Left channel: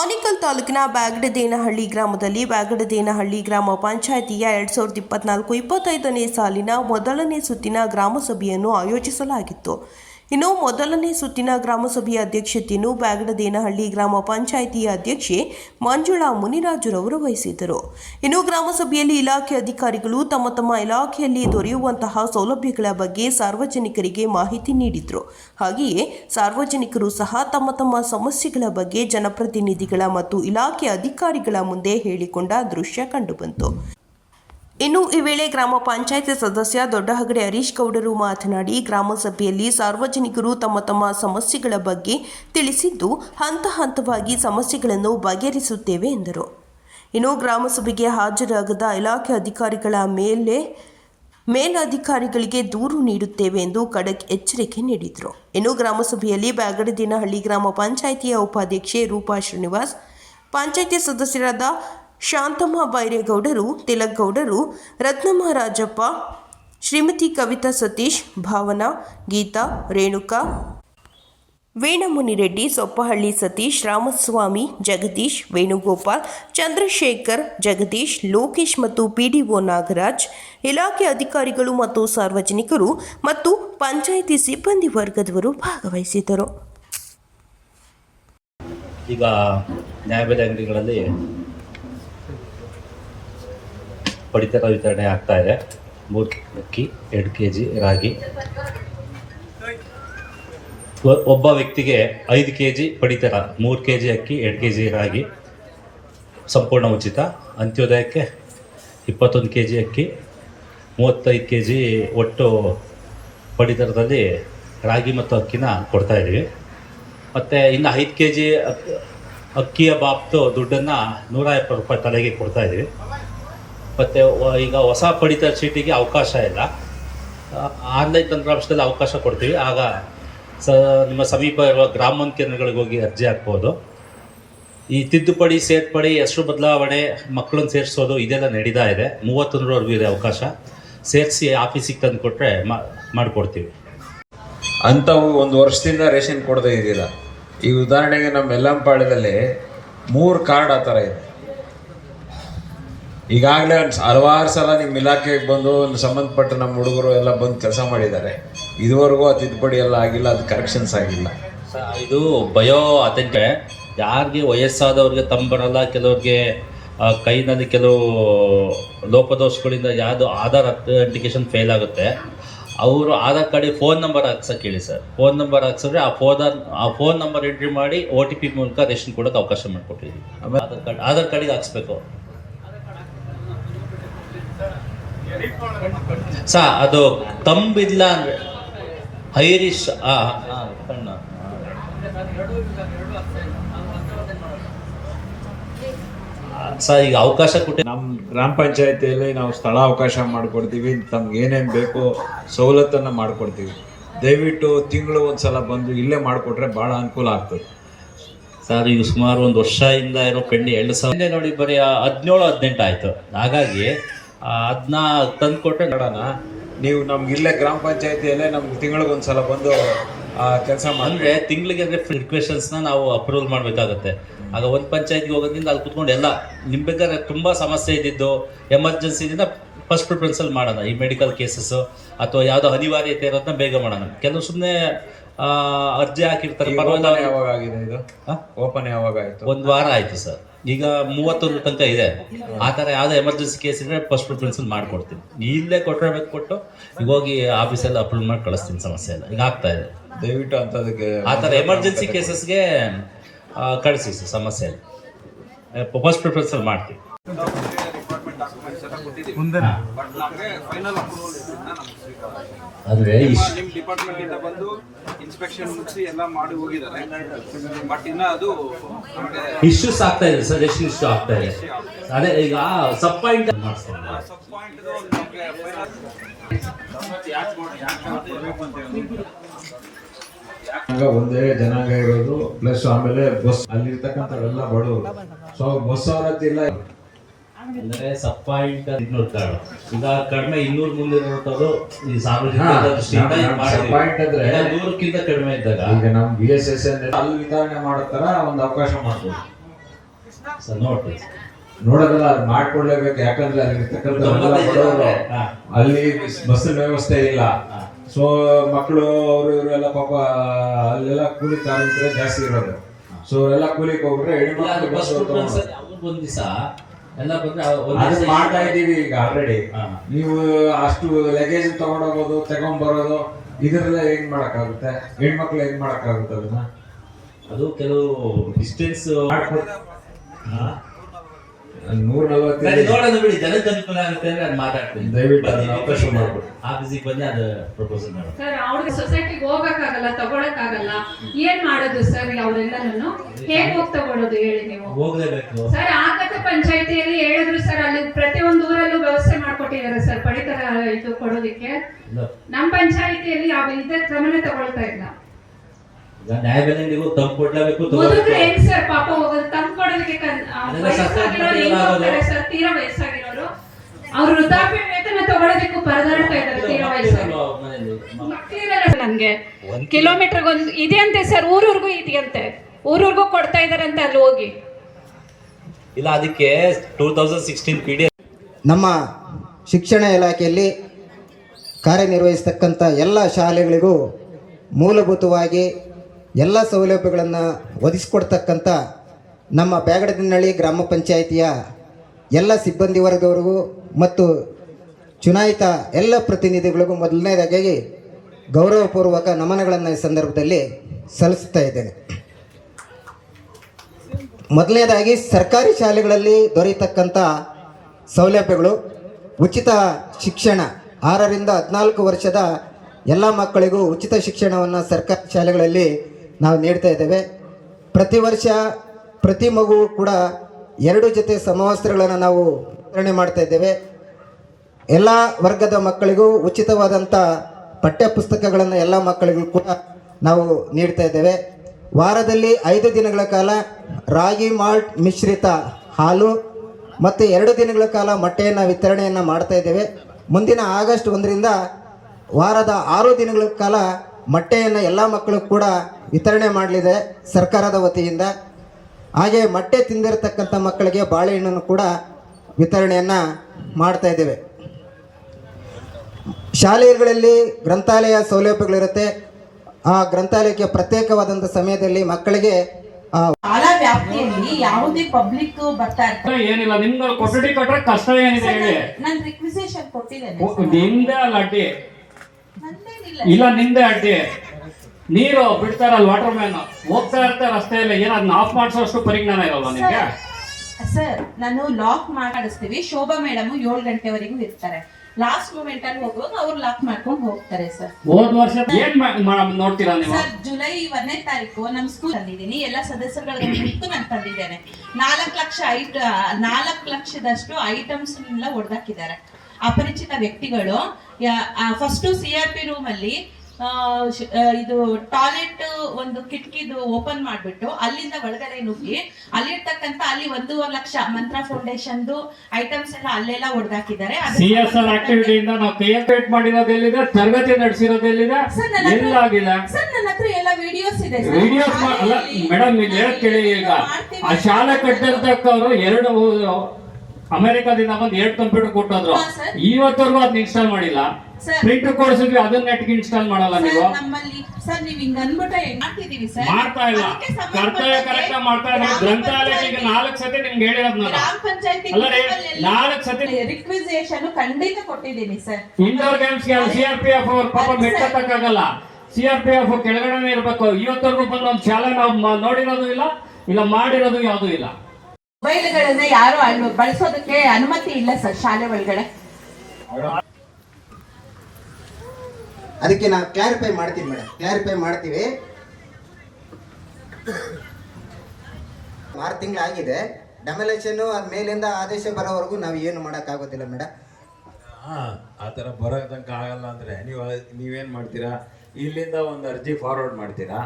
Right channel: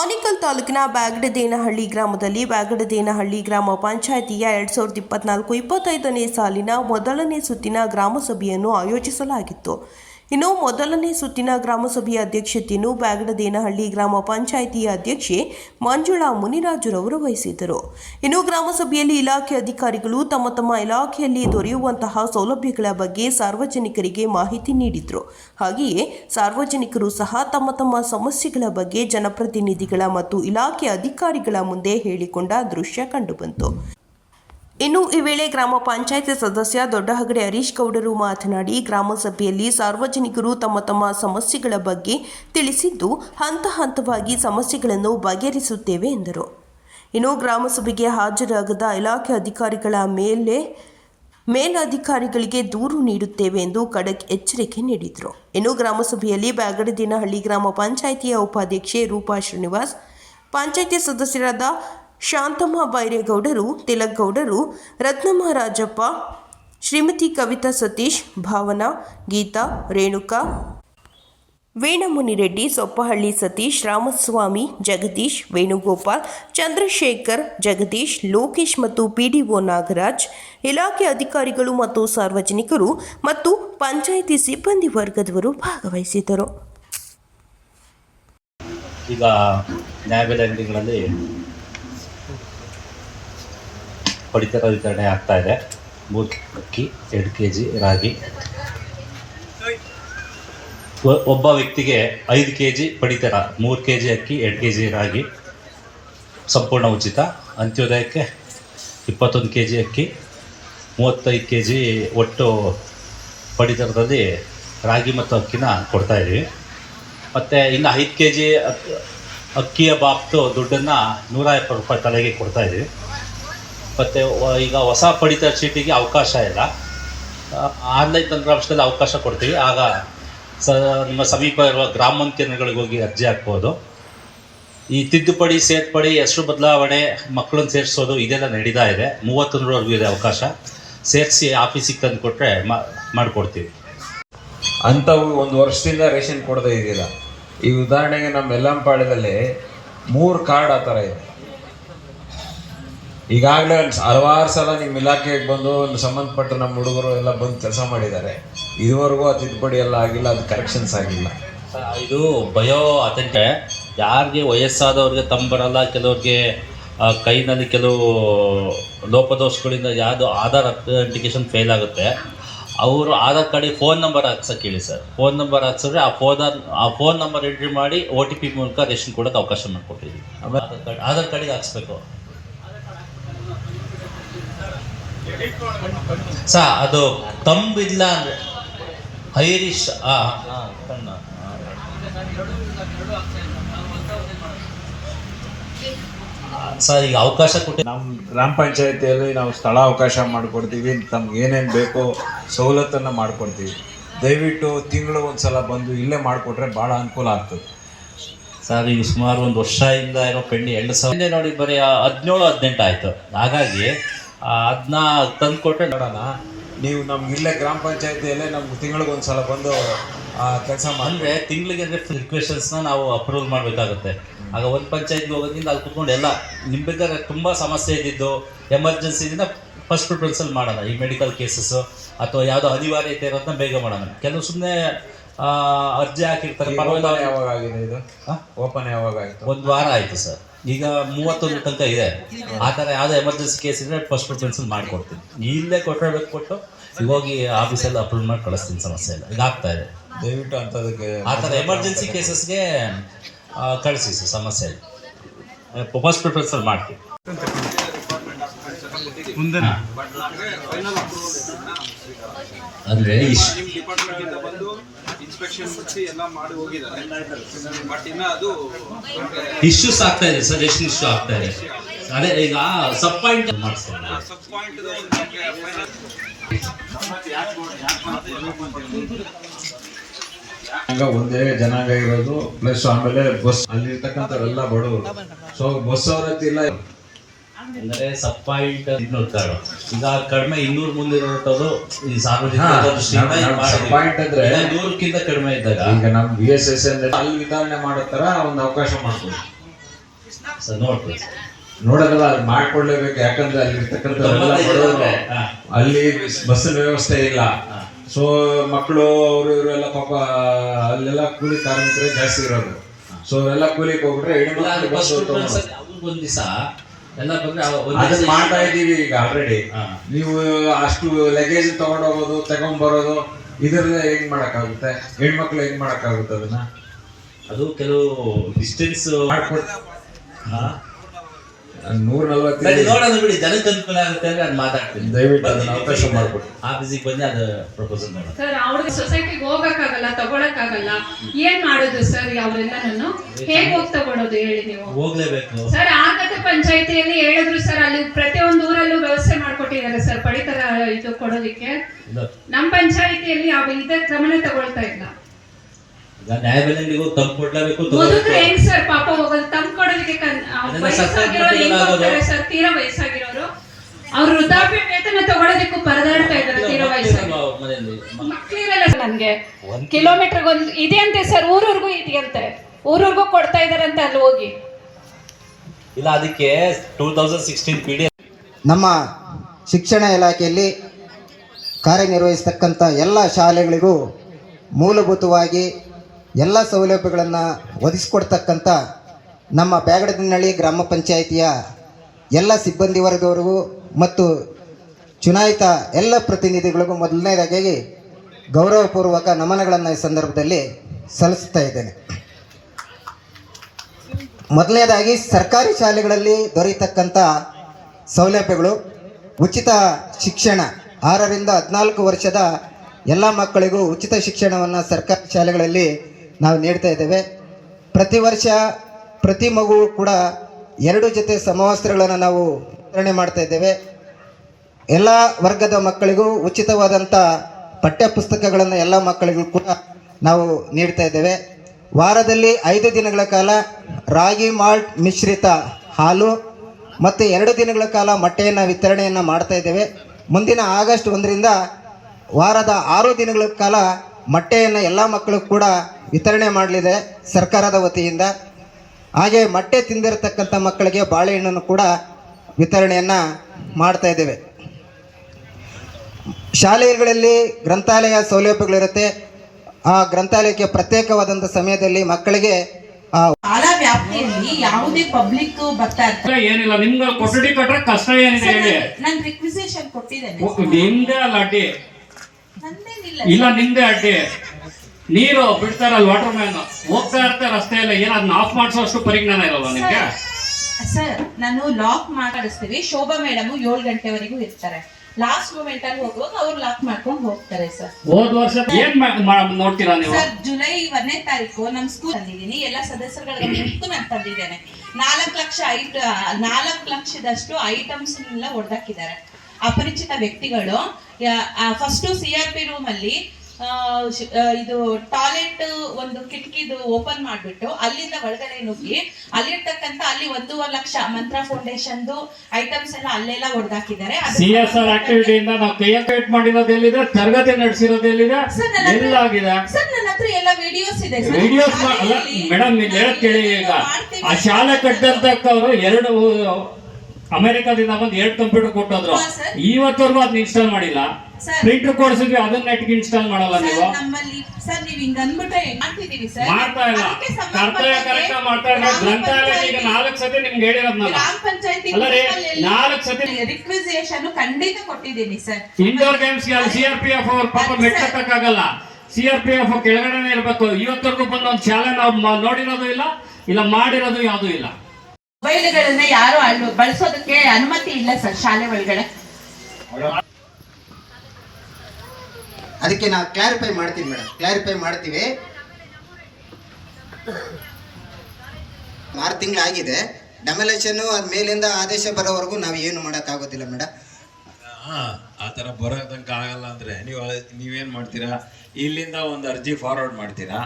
ಆನಿಕಲ್ ತಾಲೂಕಿನ ಬ್ಯಾಗಡದೇನಹಳ್ಳಿ ಗ್ರಾಮದಲ್ಲಿ ಬ್ಯಾಗಡದೇನಹಳ್ಳಿ ಗ್ರಾಮ ಪಂಚಾಯಿತಿಯ ಎರಡು ಸಾವಿರದ ಇಪ್ಪತ್ನಾಲ್ಕು ಇಪ್ಪತ್ತೈದನೇ ಸಾಲಿನ ಮೊದಲನೇ ಸುತ್ತಿನ ಗ್ರಾಮಸಭೆಯನ್ನು ಆಯೋಜಿಸಲಾಗಿತ್ತು. ಇನ್ನು ಮೊದಲನೇ ಸುತ್ತಿನ ಗ್ರಾಮಸಭೆಯ ಅಧ್ಯಕ್ಷತೆಯನ್ನು ಬ್ಯಾಗಡದೇನಹಳ್ಳಿ ಗ್ರಾಮ ಪಂಚಾಯಿತಿಯ ಅಧ್ಯಕ್ಷೆ ಮಂಜುಳಾ ಮುನಿರಾಜುರವರು ವಹಿಸಿದ್ದರು. ಇನ್ನು ಗ್ರಾಮಸಭೆಯಲ್ಲಿ ಇಲಾಖೆ ಅಧಿಕಾರಿಗಳು ತಮ್ಮ ತಮ್ಮ ಇಲಾಖೆಯಲ್ಲಿ ದೊರೆಯುವಂತಹ ಸೌಲಭ್ಯಗಳ ಬಗ್ಗೆ ಸಾರ್ವಜನಿಕರಿಗೆ ಮಾಹಿತಿ ನೀಡಿದರು. ಹಾಗೆಯೇ ಸಾರ್ವಜನಿಕರು ಸಹ ತಮ್ಮ ತಮ್ಮ ಸಮಸ್ಯೆಗಳ ಬಗ್ಗೆ ಜನಪ್ರತಿನಿಧಿಗಳ ಮತ್ತು ಇಲಾಖೆ ಅಧಿಕಾರಿಗಳ ಮುಂದೆ ಹೇಳಿಕೊಂಡ ದೃಶ್ಯ ಕಂಡುಬಂತು. ಇನ್ನು ಈ ವೇಳೆ ಗ್ರಾಮ ಪಂಚಾಯಿತಿ ಸದಸ್ಯ ದೊಡ್ಡ ಹಗಡೆ ಹರೀಶ್ ಗೌಡರು ಮಾತನಾಡಿ ಗ್ರಾಮಸಭೆಯಲ್ಲಿ ಸಾರ್ವಜನಿಕರು ತಮ್ಮ ತಮ್ಮ ಸಮಸ್ಯೆಗಳ ಬಗ್ಗೆ ತಿಳಿಸಿದ್ದು ಹಂತ ಹಂತವಾಗಿ ಸಮಸ್ಯೆಗಳನ್ನು ಬಗೆಹರಿಸುತ್ತೇವೆ ಎಂದರು. ಇನ್ನು ಗ್ರಾಮಸಭೆಗೆ ಹಾಜರಾಗದ ಇಲಾಖೆ ಅಧಿಕಾರಿಗಳ ಮೇಲೆ ಮೇಲಧಿಕಾರಿಗಳಿಗೆ ದೂರು ನೀಡುತ್ತೇವೆ ಎಂದು ಖಡಕ್ ಎಚ್ಚರಿಕೆ ನೀಡಿದರು. ಇನ್ನು ಗ್ರಾಮಸಭೆಯಲ್ಲಿ ಬ್ಯಾಗಡದಿನಹಳ್ಳಿ ಗ್ರಾಮ ಪಂಚಾಯಿತಿಯ ಉಪಾಧ್ಯಕ್ಷೆ ರೂಪಾ ಶ್ರೀನಿವಾಸ್, ಪಂಚಾಯಿತಿ ಸದಸ್ಯರಾದ ಶಾಂತಮ್ಮ ಬೈರೇಗೌಡರು ತಿಲಕ್ ಗೌಡರು ರತ್ನಮ್ಮ ರಾಜಪ್ಪ ಶ್ರೀಮತಿ ಕವಿತಾ ಸತೀಶ್, ಭಾವನಾ, ಗೀತಾ, ರೇಣುಕಾ, ವೇಣಮುನಿರೆಡ್ಡಿ, ಸೊಪ್ಪಹಳ್ಳಿ ಸತೀಶ್, ರಾಮಸ್ವಾಮಿ, ಜಗದೀಶ್, ವೇಣುಗೋಪಾಲ್, ಚಂದ್ರಶೇಖರ್, ಜಗದೀಶ್, ಲೋಕೇಶ್ ಮತ್ತು ಪಿಡಿಒ ನಾಗರಾಜ್, ಇಲಾಖೆ ಅಧಿಕಾರಿಗಳು ಮತ್ತು ಸಾರ್ವಜನಿಕರು ಮತ್ತು ಪಂಚಾಯಿತಿ ಸಿಬ್ಬಂದಿ ವರ್ಗದವರು ಭಾಗವಹಿಸಿದರು ಈಗ ನ್ಯಾಯಬೆಲೆ ಅಂಗಡಿಗಳಲ್ಲಿ ಪಡಿತರ ವಿತರಣೆ ಆಗ್ತಾ ಇದೆ. ಮೂರು ಅಕ್ಕಿ, ಎರಡು ಕೆ ಜಿ ರಾಗಿ ಒಬ್ಬ ವ್ಯಕ್ತಿಗೆ ಐದು ಕೆ ಜಿ ಪಡಿತರ ಮೂರು ಕೆ ಜಿ ಅಕ್ಕಿ, ಎರಡು ಕೆ ಜಿ ರಾಗಿ ಸಂಪೂರ್ಣ ಉಚಿತ. ಅಂತ್ಯೋದಯಕ್ಕೆ ಇಪ್ಪತ್ತೊಂದು ಕೆ ಜಿ ಅಕ್ಕಿ, ಮೂವತ್ತೈದು ಕೆ ಜಿ ಒಟ್ಟು ಪಡಿತರದಲ್ಲಿ ರಾಗಿ ಮತ್ತು ಅಕ್ಕಿನ ಕೊಡ್ತಾ ಇದ್ದೀವಿ. ಮತ್ತು ಇನ್ನು ಐದು ಕೆ ಜಿ ಅಕ್ಕಿಯ ಬಾಪ್ತು ದುಡ್ಡನ್ನು ನೂರ ಎಪ್ಪತ್ತು ರೂಪಾಯಿ ತಲೆಗೆ ಕೊಡ್ತಾ ಇದ್ದೀವಿ. ಮತ್ತು ಈಗ ಹೊಸ ಪಡಿತ ಚೀಟಿಗೆ ಅವಕಾಶ ಇಲ್ಲ. ಆನ್ಲೈನ್ ತಂತ್ರಾಂಶದಲ್ಲಿ ಅವಕಾಶ ಕೊಡ್ತೀವಿ. ಆಗ ಸ, ನಿಮ್ಮ ಸಮೀಪ ಇರುವ ಗ್ರಾಮ ಕೇಂದ್ರಗಳಿಗೆ ಹೋಗಿ ಅರ್ಜಿ ಹಾಕ್ಬೋದು. ಈ ತಿದ್ದುಪಡಿ, ಸೇರ್ಪಡಿ ಹೆಸರು ಬದಲಾವಣೆ, ಮಕ್ಕಳನ್ನು ಸೇರಿಸೋದು ಇದೆಲ್ಲ ನಡೀತಾ ಇದೆ. ಮೂವತ್ತೊಂದರವರೆಗೂ ಇದೆ ಅವಕಾಶ. ಸೇರಿಸಿ ಆಫೀಸಿಗೆ ತಂದು ಕೊಟ್ಟರೆ ಮಾಡಿಕೊಡ್ತೀವಿ. ಅಂಥವು ಒಂದು ವರ್ಷದಿಂದ ರೇಷನ್ ಕೊಡದೇ ಇದ್ದಿಲ್ಲ ಈ ಉದಾಹರಣೆಗೆ ನಮ್ಮ ಎಲ್ಲಂಪಾಳ್ಯದಲ್ಲಿ ಮೂರು ಕಾರ್ಡ್ ಆ ಥರ ಇದೆ. ಈಗಾಗಲೇ ಹಲವಾರು ಸಲ ನಿಮ್ಮ ಇಲಾಖೆಗೆ ಬಂದು ಸಂಬಂಧಪಟ್ಟ ನಮ್ಮ ಹುಡುಗರು ಎಲ್ಲ ಬಂದು ಕೆಲಸ ಮಾಡಿದ್ದಾರೆ. ಇದುವರೆಗೂ ಆ ತಿದ್ದುಪಡಿ ಎಲ್ಲ ಆಗಿಲ್ಲ, ಅದು ಕರೆಕ್ಷನ್ಸ್ ಆಗಿಲ್ಲ. ಇದು ಬಯೋ ಅಥೆಂಟಿಕ್ ಯಾರಿಗೆ ವಯಸ್ಸಾದವ್ರಿಗೆ ತಮ್ಮ ಬರಲ್ಲ, ಕೆಲವ್ರಿಗೆ ಕೈನಲ್ಲಿ ಕೆಲವು ಲೋಪದೋಷಗಳಿಂದ ಯಾವುದು ಆಧಾರ್ ಅಥೆಂಟಿಕೇಶನ್ ಫೇಲ್ ಆಗುತ್ತೆ. ಅವರು ಆಧಾರ್ ಕಾರ್ಡಿಗೆ ಫೋನ್ ನಂಬರ್ ಹಾಕ್ಸಕ್ಕೆ ಹೇಳಿ ಸರ್. ಫೋನ್ ನಂಬರ್ ಹಾಕ್ಸಿದ್ರೆ ಆ ಫೋನ್ ಆ ಫೋನ್ ನಂಬರ್ ಎಂಟ್ರಿ ಮಾಡಿ ಒ ಟಿ ಪಿ ಮೂಲಕ ರೇಷನ್ ಕೊಡೋಕ್ಕೆ ಅವಕಾಶ ಮಾಡಿಕೊಟ್ಟಿದ್ವಿ ಆಮೇಲೆ ಆಧಾರ್ ಕಾರ್ಡ್ ಆಧಾರ್ ಕಾರ್ಡಿಗೆ ಹಾಕ್ಸ್ಬೇಕು ಸಾ ಅದು ತಂಬಿಲ್ಲ ಅಂದ್ರೆ ಹೈರಿಶ್ ಆ ಆ, ಕಣ್ಣು. ಸರ್ ಈಗ ಅವಕಾಶ ಕೊಟ್ಟು ನಮ್ಮ ಗ್ರಾಮ ಪಂಚಾಯತಿಯಲ್ಲಿ ನಾವು ಸ್ಥಳ ಅವಕಾಶ ಮಾಡಿಕೊಡ್ತೀವಿ ತಮ್ಗೆ ಏನೇನು ಬೇಕೋ ಸವಲತ್ತನ್ನು ಮಾಡಿಕೊಡ್ತೀವಿ. ದಯವಿಟ್ಟು ತಿಂಗಳು ಒಂದು ಸಲ ಬಂದು ಇಲ್ಲೇ ಮಾಡಿಕೊಟ್ರೆ ಭಾಳ ಅನುಕೂಲ ಆಗ್ತದೆ. ಸರ್ ಈಗ ಸುಮಾರು ಒಂದು ವರ್ಷದಿಂದ ಏನೋ ಪೆಂಡಿ ಎರಡು ಸಾವಿರ ನೋಡಿ ಬರೀ ಹದಿನೇಳು ಹದಿನೆಂಟು ಆಯಿತು. ಹಾಗಾಗಿ ಅದನ್ನ ತಂದು ಕೊಟ್ಟರೆ ನೋಡೋಣ. ನೀವು ನಮ್ಗೆ ಇಲ್ಲೇ ಗ್ರಾಮ ಪಂಚಾಯತಿಯಲ್ಲೇ ನಮ್ಗೆ ತಿಂಗಳಿಗೆ ಸಲ ಬಂದು ಕೆಲಸ ಮಾಡಿದ್ರೆ ತಿಂಗಳಿಗೆ ಅಂದ್ರೆ ರಿಕ್ವೆಷನ್ಸ್ನ ನಾವು ಅಪ್ರೂವಲ್ ಮಾಡಬೇಕಾಗುತ್ತೆ. ಆಗ ಒಂದು ಪಂಚಾಯತ್ಗೆ ಹೋಗೋದ್ರಿಂದ ಅಲ್ಲಿ ಕುತ್ಕೊಂಡು ಎಲ್ಲ ನಿಮ್ಮ ಬೇಕಾದ್ರೆ ತುಂಬ ಸಮಸ್ಯೆ ಇದ್ದಿದ್ದು ಎಮರ್ಜೆನ್ಸಿದಿಂದ ಫಸ್ಟ್ ಪ್ರಿಫರೆನ್ಸಲ್ಲಿ ಮಾಡೋಣ. ಈ ಮೆಡಿಕಲ್ ಕೇಸಸ್ ಅಥವಾ ಯಾವುದೋ ಅನಿವಾರ್ಯತೆ ಇರೋದನ್ನ ಬೇಗ ಮಾಡೋಣ. ಕೆಲವು ಸುಮ್ಮನೆ ಅರ್ಜಿ ಹಾಕಿರ್ತಾರೆ ಪರವಾಗಿಲ್ಲ? ಓಪನ್ ಯಾವಾಗ ಆಯಿತು? ಒಂದು ವಾರ ಆಯ್ತು ಸರ್. ಈಗ ಮೂವತ್ತೊಂದು ತನಕ ಇದೆ. ಆ ಥರ ಯಾವುದೋ ಎಮರ್ಜೆನ್ಸಿ ಕೇಸ್ ಇದ್ರೆ ಫಸ್ಟ್ ಪ್ರಿಫರೆನ್ಸಲ್ಲಿ ಮಾಡ್ಕೊಡ್ತೀನಿ. ಇಲ್ಲೇ ಕೊಟ್ಟರೆ ಕೊಟ್ಟು ಈಗ ಹೋಗಿ ಆಫೀಸಲ್ಲಿ ಅಪ್ರೂವ್ ಮಾಡಿ ಕಳಿಸ್ತೀನಿ ಸಮಸ್ಯೆ ಇಲ್ಲ. ಈಗ ಆಗ್ತಾ ಇದೆ. ದಯವಿಟ್ಟು ಅಂಥದಕ್ಕೆ ಆ ಥರ ಎಮರ್ಜೆನ್ಸಿ ಕೇಸಸ್ಗೆ ಕಳಿಸಿ ಸರ್ ಸಮಸ್ಯೆ ಇಲ್ಲ. ಫಸ್ಟ್ ಪ್ರಿಫರೆನ್ಸಲ್ಲಿ ಮಾಡ್ತೀವಿ ಅಂದರೆ ಇನ್ಸ್ಪೆಕ್ಷನ್ ಮುಗಿಸಿ ಎಲ್ಲ ಮಾಡಿ ಹೋಗಿದ್ದಾರೆ. ಬಟ್ ಇನ್ನ ಅದು ಇಶ್ಯೂಸ್ ಆಗ್ತಾ ಇದೆ ಸಜೆಷನ್ ಎಷ್ಟು ಇಶ್ಯೂ ಆಗ್ತಾ ಇದೆ. ಅದೇ ಈಗ ಸಬ್ ಪಾಯಿಂಟ್ ಮಾಡಿಸ್ತಾರೆ ಸಬ್ ಪಾಯಿಂಟ್ ಒಂದೇ ಜನಾಂಗ ಇರೋದು ಪ್ಲಸ್ ಆಮೇಲೆ ಬಸ್. ಅಲ್ಲಿರ್ತಕ್ಕಂಥವೆಲ್ಲ ಬಡವರು. ಸೊ ಬಸ್ ಅವರ ಇಲ್ಲ ಅಂದರೆ ಸಬ್ ಪಾಯಿಂಟ್ ಇನ್ನೂರು ಕಾರ್ಡ್ ಈಗ ಕಡಿಮೆ ಇನ್ನೂರು ಮುಂದೆ ಇರೋದು ಈ ಸಾರ್ವಜನಿಕ ಅಂದ್ರೆ- ನೂರಕ್ಕಿಂತ ಕಡಿಮೆ ಇದ್ದಾಗ ಈಗ ನಮ್ ಬಿ ಎಸ್ ಎಸ್ ಅಲ್ಲಿ ವಿತರಣೆ ಮಾಡೋ ತರ ಒಂದು ಅವಕಾಶ ಮಾಡ್ಬೋದು. ಸರ್ ನೋಡ್ತೀವಿ. ನೋಡೋದಲ್ಲ ಅಲ್ಲಿ ಮಾಡ್ಕೊಳ್ಳೇಬೇಕು. ಯಾಕಂದ್ರೆ ಅಲ್ಲಿ ಅಲ್ಲಿ. ಬಸ್ಸಿನ ವ್ಯವಸ್ಥೆ ಇಲ್ಲ. ಸೊ ಮಕ್ಕಳು ಅವರು ಇವರೆಲ್ಲ ಪಾಪ ಅಲ್ಲೆಲ್ಲ ಕೂಲಿ ಕಾರ್ಮಿಕರೇ ಜಾಸ್ತಿ ಇರೋದು. ಸೊ ಎಲ್ಲ ಕೂಲಿಗೆ ಹೋಗ್ಬಿಟ್ರೆ ಇಲ್ಲ, ಹೆಣ್ಮಕ್ಳು ಬಸ್ ಬಸ್ ಒಂದ್ ದಿವಸ ಅದು ಮಾಡ್ತಾ ಇದೀವಿ ಈಗ ಆಲ್ರೆಡಿ. ನೀವು ಅಷ್ಟು ಲಗೇಜ್ ತಗೊಂಡೋಗೋದು ತಗೊಂಡ್ಬರೋದು ಇದ್ರಲ್ಲ ಹೆಂಗ್ ಮಾಡಕ್ಕಾಗುತ್ತೆ? ಹೆಣ್ಮಕ್ಳು ಹೆಂಗ್ ಮಾಡಕ್ಕಾಗುತ್ತೆ ಅದನ್ನ? ಅದು ಕೆಲವು ಡಿಸ್ಟೆನ್ಸ್ ಮಾಡ್ಕೊಡ್ ನೂರ ನಲ್ವತ್ತೈದು ನೋಡೋದು ಬಿಡಿ ಜನಕ್ಕೆ ಅನುಕೂಲ ಆಗುತ್ತೆ ನಾನು ಮಾತಾಡ್ತೀನಿ. ದಯವಿಟ್ಟು ಅದನ್ನ ಅವಕಾಶ ಮಾಡ್ಕೊಡಿ. ಆಫೀಸಿಗೆ ಬಂದು ಅದು ಪ್ರಪೋಸಲ್ ಮಾಡೋದು ಸರ್ ಅವ್ರಿಗೆ ಸೊಸೈಟಿಗೆ ಹೋಗಕ್ಕಾಗಲ್ಲ ತಗೊಳಕ್ಕಾಗಲ್ಲ. ಏನ್ ಮಾಡೋದು ಸರ್ ಅವರೆಲ್ಲನೂ ಹೇಗ್ ಹೋಗಿ ತಗೊಳೋದು ಹೇಳಿ ನೀವು? ಹೋಗ್ಲೇಬೇಕು. ಸರ್ ಪಂಚಾಯತಿಯಲ್ಲಿ ಹೇಳಿದ್ರು ಸರ್ ಅಲ್ಲಿ ಪ್ರತಿಯೊಂದು ಊರಲ್ಲೂ ವ್ಯವಸ್ಥೆ ಮಾಡ್ಕೊಟ್ಟಿದ್ದಾರೆ ಸರ್ ಪಡಿತರ ಇದು ಕೊಡೋದಿಕ್ಕೆ. ಇಲ್ಲ. ನಮ್ ಪಂಚಾಯತಿಯಲ್ಲಿ ಅವ್ರ ಇದೇ ಕ್ರಮನೇ ತಗೊಳ್ತಾ ಇಲ್ಲ. ಈಗ ತಂಪು ಕೊಡ್ಲೇಬೇಕು ಮುದುಕ್ರು ಹೆಂಗ್ ಸರ್ ಪಾಪ ಹೋಗೋದು ತಂದ್ ಕೊಡೋದಕ್ಕೆ ಕನ್- ಆ ಅದೆಲ್ಲ ಸರ್ಕಾರ ವಯಸ್ಸಾಗಿರೋರು ಹೆಂಗ್ ಹೋಗ್ತಾರೆ ಸರ್? ತೀರಾ ವಯಸ್ಸಾಗಿರೋರು. ಅವ್ರು ವೃದ್ಧಾಪ್ಯ ವೇತನ ತಗೊಳೋದಕ್ಕೂ ಪರದಾಡ್ತಾ ಇದ್ದಾರೆ ತೀರಾ ವಯಸ್ಸಾಗಿ. ಮನೆಯಲ್ಲಿ. ಮಕ್ಳಿರಲ್ಲ ನನ್ಗೆ ಕಿಲೋಮೀಟರ್ ಒಂದು ಇದೆಯಂತೆ ಸರ್ ಊರೂರ್ಗೂ ಇದೆಯಂತೆ. ಊರೂರ್ಗೂ ಕೊಡ್ತಾ ಇದಾರಂತೆ ಅಲ್ಲಿ ಹೋಗಿ. ಇಲ್ಲ ಅದಕ್ಕೆ two thousand sixteen P D ನಮ್ಮ ಶಿಕ್ಷಣ ಇಲಾಖೆಯಲ್ಲಿ ಕಾರ್ಯನಿರ್ವಹಿಸ್ತಕ್ಕಂಥ ಎಲ್ಲ ಶಾಲೆಗಳಿಗೂ ಮೂಲಭೂತವಾಗಿ ಎಲ್ಲ ಸೌಲಭ್ಯಗಳನ್ನು ಒದಗಿಸ್ಕೊಡ್ತಕ್ಕಂಥ ನಮ್ಮ ಬ್ಯಾಗಡದಿನಹಳ್ಳಿ ಗ್ರಾಮ ಪಂಚಾಯಿತಿಯ ಎಲ್ಲ ಸಿಬ್ಬಂದಿ ವರ್ಗದವರಿಗೂ ಮತ್ತು ಚುನಾಯಿತ ಎಲ್ಲ ಪ್ರತಿನಿಧಿಗಳಿಗೂ ಮೊದಲನೇದಾಗಿ ಗೌರವಪೂರ್ವಕ ನಮನಗಳನ್ನು ಈ ಸಂದರ್ಭದಲ್ಲಿ ಸಲ್ಲಿಸ್ತಾ ಇದ್ದೇನೆ. ಮೊದಲನೇದಾಗಿ ಸರ್ಕಾರಿ ಶಾಲೆಗಳಲ್ಲಿ ದೊರೆಯತಕ್ಕಂಥ ಸೌಲಭ್ಯಗಳು, ಉಚಿತ ಶಿಕ್ಷಣ, ಆರರಿಂದ ಹದಿನಾಲ್ಕು ವರ್ಷದ ಎಲ್ಲ ಮಕ್ಕಳಿಗೂ ಉಚಿತ ಶಿಕ್ಷಣವನ್ನು ಸರ್ಕಾರಿ ಶಾಲೆಗಳಲ್ಲಿ ನಾವು ನೀಡ್ತಾ ಇದ್ದೇವೆ. ಪ್ರತಿ ವರ್ಷ ಪ್ರತಿ ಮಗು ಕೂಡ ಎರಡು ಜೊತೆ ಸಮವಸ್ತ್ರಗಳನ್ನು ನಾವು ವಿತರಣೆ ಮಾಡ್ತಾ ಇದ್ದೇವೆ. ಎಲ್ಲ ವರ್ಗದ ಮಕ್ಕಳಿಗೂ ಉಚಿತವಾದಂಥ ಪಠ್ಯ ಪುಸ್ತಕಗಳನ್ನು ಎಲ್ಲ ಮಕ್ಕಳಿಗೂ ಕೂಡ ನಾವು ನೀಡ್ತಾ ಇದ್ದೇವೆ. ವಾರದಲ್ಲಿ ಐದು ದಿನಗಳ ಕಾಲ ರಾಗಿ ಮಾಲ್ಟ್ ಮಿಶ್ರಿತ ಹಾಲು ಮತ್ತು ಎರಡು ದಿನಗಳ ಕಾಲ ಮೊಟ್ಟೆಯನ್ನು ವಿತರಣೆಯನ್ನು ಮಾಡ್ತಾ ಇದ್ದೇವೆ. ಮುಂದಿನ ಆಗಸ್ಟ್ ಒಂದರಿಂದ ವಾರದ ಆರು ದಿನಗಳ ಕಾಲ ಮೊಟ್ಟೆಯನ್ನು ಎಲ್ಲ ಮಕ್ಕಳಿಗೂ ಕೂಡ ವಿತರಣೆ ಮಾಡಲಿದೆ ಸರ್ಕಾರದ ವತಿಯಿಂದ. ಹಾಗೆ ಮೊಟ್ಟೆ ತಿಂದಿರತಕ್ಕಂಥ ಮಕ್ಕಳಿಗೆ ಬಾಳೆಹಣ್ಣನ್ನು ಕೂಡ ವಿತರಣೆಯನ್ನು ಮಾಡ್ತಾ ಇದ್ದೇವೆ. ಶಾಲೆಗಳಲ್ಲಿ ಗ್ರಂಥಾಲಯ ಸೌಲಭ್ಯಗಳಿರುತ್ತೆ. ಆ ಗ್ರಂಥಾಲಯಕ್ಕೆ ಪ್ರತ್ಯೇಕವಾದಂಥ ಸಮಯದಲ್ಲಿ ಮಕ್ಕಳಿಗೆ ಯಾವುದೇ ಪಬ್ಲಿಕ್ ಬರ್ತಾ ಏನಿಲ್ಲ ನಿಮ್ಗೆ ಕೊಠಡಿ ಕಟ್ಟರೆ ಕಷ್ಟ ಏನಿದೆ ಹೇಳಿ. ನಾನು ರಿಕ್ವಿಸೇಷನ್ ಕೊಟ್ಟಿದ್ದೇನೆ. ಇಲ್ಲ. ನಿಂದೆ ಅಡ್ಡಿ. ನೀರು ಬಿಡ್ತಾರಲ್ಲ ವಾಟರ್ ಮ್ಯಾನ್ ಹೋಗ್ತಾ ರಸ್ತೆ ರಸ್ತೆಯಲ್ಲಿ ಏನೋ ಅದನ್ನ ಆಫ್ ಮಾಡಿಸೋಷ್ಟು ಪರಿಜ್ಞಾನ ಇರಲ್ಲ ನಿಮ್ಗೆ? ಸರ್ ನಾನು ಲಾಕ್ ಮಾಡಿಸ್ತೀವಿ ಶೋಭಾ ಮೇಡಮ್ ಏಳು ಗಂಟೆವರೆಗೂ ಇರ್ತಾರೆ. ಲಾಸ್ಟ್ ಮೂಮೆಂಟ್ ಅಲ್ಲಿ ಹೋಗುವಾಗ ಅವ್ರು ಲಾಕ್ ಮಾಡ್ಕೊಂಡು ಹೋಗ್ತಾರೆ ಸರ್ ಹೋದ್ ವರ್ಷ ಏನ್ ನೋಡ್ತೀರಾ ನೀವು? ಸರ್ ಜುಲೈ ಒಂದನೇ ತಾರೀಕು ನಮ್ ಸ್ಕೂಲ್ ತಂದಿದ್ದೀನಿ ಎಲ್ಲ ಸದಸ್ಯರುಗಳ ಗಮನಕ್ಕೂ ನಾನು ತಂದಿದ್ದೇನೆ. ನಾಲ್ಕು ಲಕ್ಷ ಐಟ್ ನಾಲ್ಕು ಲಕ್ಷದಷ್ಟು ಐಟಮ್ಸ್ ಎಲ್ಲ ಹೊಡೆದಾಕಿದ್ದಾರೆ. ಅಪರಿಚಿತ ವ್ಯಕ್ತಿಗಳು. First C R P room ಅಲ್ಲಿ ಇದು ಟಾಯ್ಲೆಟ್ ಒಂದು ಕಿಟಕಿದು ಓಪನ್ ಮಾಡ್ಬಿಟ್ಟು ಅಲ್ಲಿಂದ ಒಳಗಡೆ ನುಗ್ಗಿ ಅಲ್ಲಿರ್ತಕ್ಕಂತ ಅಲ್ಲಿ ಒಂದೂವರೆ ಲಕ್ಷ ಮಂತ್ರ ಫೌಂಡೇಶನ್ದು ಐಟಮ್ಸ್ ಎಲ್ಲ ಅಲ್ಲೆಲ್ಲ ಹೊಡೆದಾಕಿದ್ದಾರೆ. ಆರ್ ಆಕ್ಟಿವಿಟಿಯಿಂದ ನಾವು ಕ್ರಿಯೇಟ್ ಮಾಡಿರೋದು ಎಲ್ಲಿದೆ? ತರಗತಿ ನಡೆಸಿರೋದು ಎಲ್ಲಿದೆ? ನನ್ನ ಹತ್ರ- ಸರ್ ನನ್ನ ಹತ್ರ ಎಲ್ಲ ವಿಡಿಯೋಸ್ ಇದೆ ವಿಡಿಯೋಸ್ ಮೇಡಮ್ ನೀವು ಹೇಳಕ್ ಕೇಳಿ ಈಗ. ಆ ಶಾಲೆ ಕಟ್ಟಿರ್ತಕ್ಕವರು ಎರಡು ಅಮೆರಿಕದಿಂದ ಬಂದು ಎರಡು ಕಂಪ್ಯೂಟರ್ ಕೊಟ್ಟೋದ್ರು. ಇವತ್ತವರೆಗೂ ಅದನ್ನ ಇನ್ಸ್ಟಾಲ್ ಮಾಡಿಲ್ಲ. ಪ್ರಿಂಟರ್ ಕೊಡಿಸಿದ್ವಿ ಅದನ್ನ ನೆಟ್ಗೆ ಇನ್ಸ್ಟಾಲ್ ಮಾಡಲ್ಲ ನೀವು. ಸರ್ ನೀವು ಹಿಂಗ್ ಅಂದ್ಬಿಟ್ರೆ ಮಾಡ್ತಿದೀವಿ ಸರ್? ಮಾಡ್ತಾ ಇಲ್ಲ. ಕರ್ತವ್ಯ ಕರೆಕ್ಟ್ ಮಾಡ್ತಾ ಇಲ್ಲ. ಗ್ರಂಥಾಲಯ ಈಗ ನಾಲ್ಕು ಸತಿ ನಿಮ್ಗೆ ಹೇಳಿರೋದು ನಾನು. ಗ್ರಾಮ ಪಂಚಾಯತಿ ನಾಲ್ಕು ಸತಿ ರಿಕ್ವಿಸಿಯೇಷನ್ ಖಂಡಿತ ಕೊಟ್ಟಿದ್ದೀನಿ ಸರ್. ಇಂಡೋರ್ ಗೇಮ್ಸ್ಗೆ ಸಿಆರ್ಪಿಎಫ್ ಆರ್ ಪಿ ಎಫ್ ಅವ್ರ ಪಾಪ ಮೆಟ್ಟಕ್ಕಾಗಲ್ಲ ಸಿ ಆರ್ ಪಿ ಎಫ್ ಕೆಳಗಡೆ ಇರ್ಬೇಕು. ಇವತ್ತರೆಗೂ ಬಂದು ಒಂದು ಶಾಲೆ ನಾವು ನೋಡಿರೋದು ಇಲ್ಲ ಇಲ್ಲ ಮಾಡಿರೋದು ಯಾವುದು ಇಲ್ಲ. ಮೊಬೈಲ್ಗಳನ್ನ ಯಾರು ಅಳ್- ಬಳಸೋದಕ್ಕೆ ಅನುಮತಿ ಇಲ್ಲ ಸರ್ ಶಾಲೆ ಒಳಗಡೆ. ಅದಕ್ಕೆ ನಾವು ಕ್ಲಾರಿಫೈ ಮಾಡ್ತೀವಿ ಮೇಡಮ್ ಕ್ಲಾರಿಫೈ ಮಾಡ್ತೀವಿ. ಆರು ತಿಂಗಳಾಗಿದೆ ಡೆಮಲೇಷನ್ ಅದ ಮೇಲಿಂದ ಆದೇಶ ಬರೋವರೆಗೂ ನಾವು ಏನು ಮಾಡೋಕ್ಕಾಗೋದಿಲ್ಲ ಮೇಡಮ್ ಆ ತರ ಬರೋದಂಕ ಆಗಲ್ಲ ಅಂದರೆ ನೀವು ನೀವೇನ್ ಮಾಡ್ತೀರಾ? ಇಲ್ಲಿಂದ ಒಂದು ಅರ್ಜಿ ಫಾರ್ವರ್ಡ್ ಮಾಡ್ತೀರಾ?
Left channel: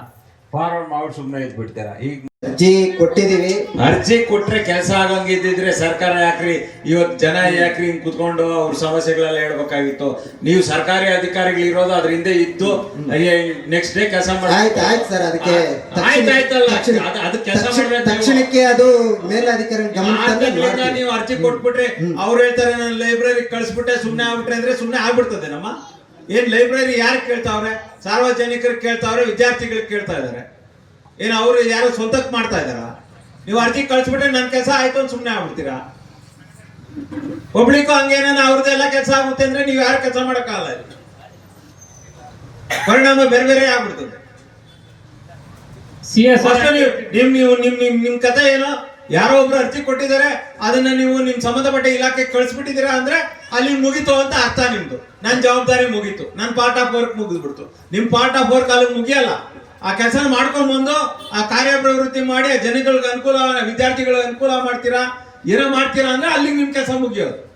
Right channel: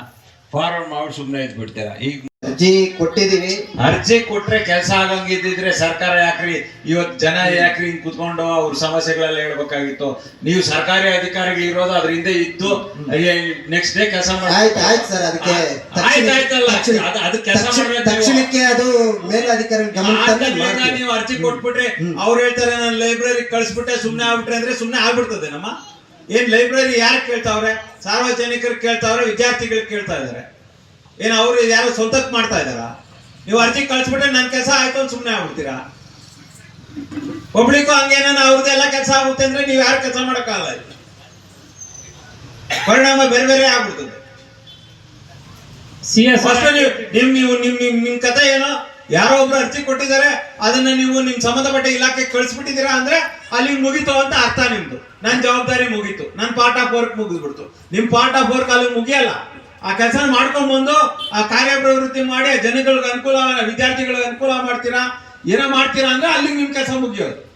ಫಾರ್ವರ್ಡ್ ಮಾಡಿ ಸುಮ್ಮನೆ ಇದ್ಬಿಡ್ತೀರಾ? ಈಗ ಅರ್ಜಿ ಕೊಟ್ಟಿದೀವಿ. ಅರ್ಜಿ ಕೊಟ್ರೆ ಕೆಲಸ ಆಗಂಗಿದ್ದಿದ್ರೆ ಸರ್ಕಾರ ಯಾಕ್ರಿ ಇವತ್ತು ಜನ ಯಾಕ್ರಿ ಹಿಂಗ್ ಕುತ್ಕೊಂಡು ಅವ್ರ ಸಮಸ್ಯೆಗಳೆಲ್ಲ ಹೇಳ್ಬೇಕಾಗಿತ್ತು. ನೀವು ಸರ್ಕಾರಿ ಅಧಿಕಾರಿಗಳು ಇರೋದು ಅದ್ರಿಂದ ಇದ್ದು ನೆಕ್ಸ್ಟ್ ಡೇ ಕೆಲಸ ಆಯ್ತು ಆಯ್ತು ಸರ್ ಅದಕ್ಕೆ. ಅದು- ಕೆಲಸ. ತಕ್ಷಣಕ್ಕೆ ಅದು ಮೇಲಧಿಕಾರಿ ಗಮನ. ನೀವು ಅರ್ಜಿ ಕೊಟ್ಬಿಟ್ರೆ ಅವ್ರು ಹೇಳ್ತಾರೆ ನಾನು ಲೈಬ್ರರಿ ಕಳಿಸ್ಬಿಟ್ಟೆ ಸುಮ್ನೆ ಆಗ್ಬಿಟ್ರೆ ಅಂದ್ರೆ ಸುಮ್ನೆ ಆಗ್ಬಿಡ್ತದೆ ನಮ್ಮ. ಏನ್ ಲೈಬ್ರರಿ ಯಾರು ಕೇಳ್ತಾವ್ರೆ? ಸಾರ್ವಜನಿಕರು ಕೇಳ್ತಾವ್ರೆ ವಿದ್ಯಾರ್ಥಿಗಳು ಕೇಳ್ತಾ ಇದಾರೆ. ಏನ್ ಅವರು ಯಾರು ಸ್ವಂತಕ್ಕೆ ಮಾಡ್ತಾ ಇದಾರ ನೀವು ಅರ್ಜಿ ಕಳ್ಸಿಬಿಟ್ರೆ ನನ್ ಕೆಲಸ ಆಯ್ತು ಅಂತ ಸುಮ್ನೆ ಆಗ್ಬಿಡ್ತೀರಾ? ಪಬ್ಲಿಕ್ ಹಂಗೇನ ಅವ್ರದ್ದೆಲ್ಲ ಕೆಲಸ ಆಗುತ್ತೆ ಅಂದ್ರೆ ನೀವು ಯಾರು ಕೆಲಸ ಮಾಡೋಕ್ಕಾಗಲ್ಲ. ಪರಿಣಾಮ ಬೇರೆ ಬೇರೆ ಆಗ್ಬಿಡ್ತದೆ. ನಿಮ್ ನೀವು ನಿಮ್ ನಿಮ್ ನಿಮ್ ಕಥೆ ಏನೋ ಯಾರೋ ಒಬ್ರು ಅರ್ಜಿ ಕೊಟ್ಟಿದ್ದಾರೆ ಅದನ್ನ ನೀವು ನಿಮ್ ಸಂಬಂಧಪಟ್ಟ ಇಲಾಖೆ ಕಳ್ಸಿಬಿಟ್ಟಿದ್ದೀರಾ ಅಂದ್ರೆ ಅಲ್ಲಿ ಮುಗೀತು ಅಂತ ಅರ್ಥ ನಿಮ್ದು. ನನ್ ಜವಾಬ್ದಾರಿ ಮುಗೀತು. ನನ್ ಪಾರ್ಟ್ ಆಫ್ ವರ್ಕ್ ಮುಗಿದ್ಬಿಡ್ತು. ನಿಮ್ ಪಾರ್ಟ್ ಆಫ್ ವರ್ಕ್ ಅಲ್ಲಿ ಮುಗಿಯಲ್ಲ. ಆ ಕೆಲಸ ಮಾಡ್ಕೊಂಡ್ ಬಂದು ಆ ಕಾರ್ಯಪ್ರವೃತ್ತಿ ಮಾಡಿ, ಆ ಜನಗಳಿಗೆ ಅನುಕೂಲ ವಿದ್ಯಾರ್ಥಿಗಳಿಗೆ ಅನುಕೂಲ ಮಾಡ್ತೀರಾ, ಏನೋ ಮಾಡ್ತೀರಾ ಅಂದ್ರೆ ಅಲ್ಲಿ ನಿಮ್ ಕೆಲಸ ಮುಗಿಯೋದು.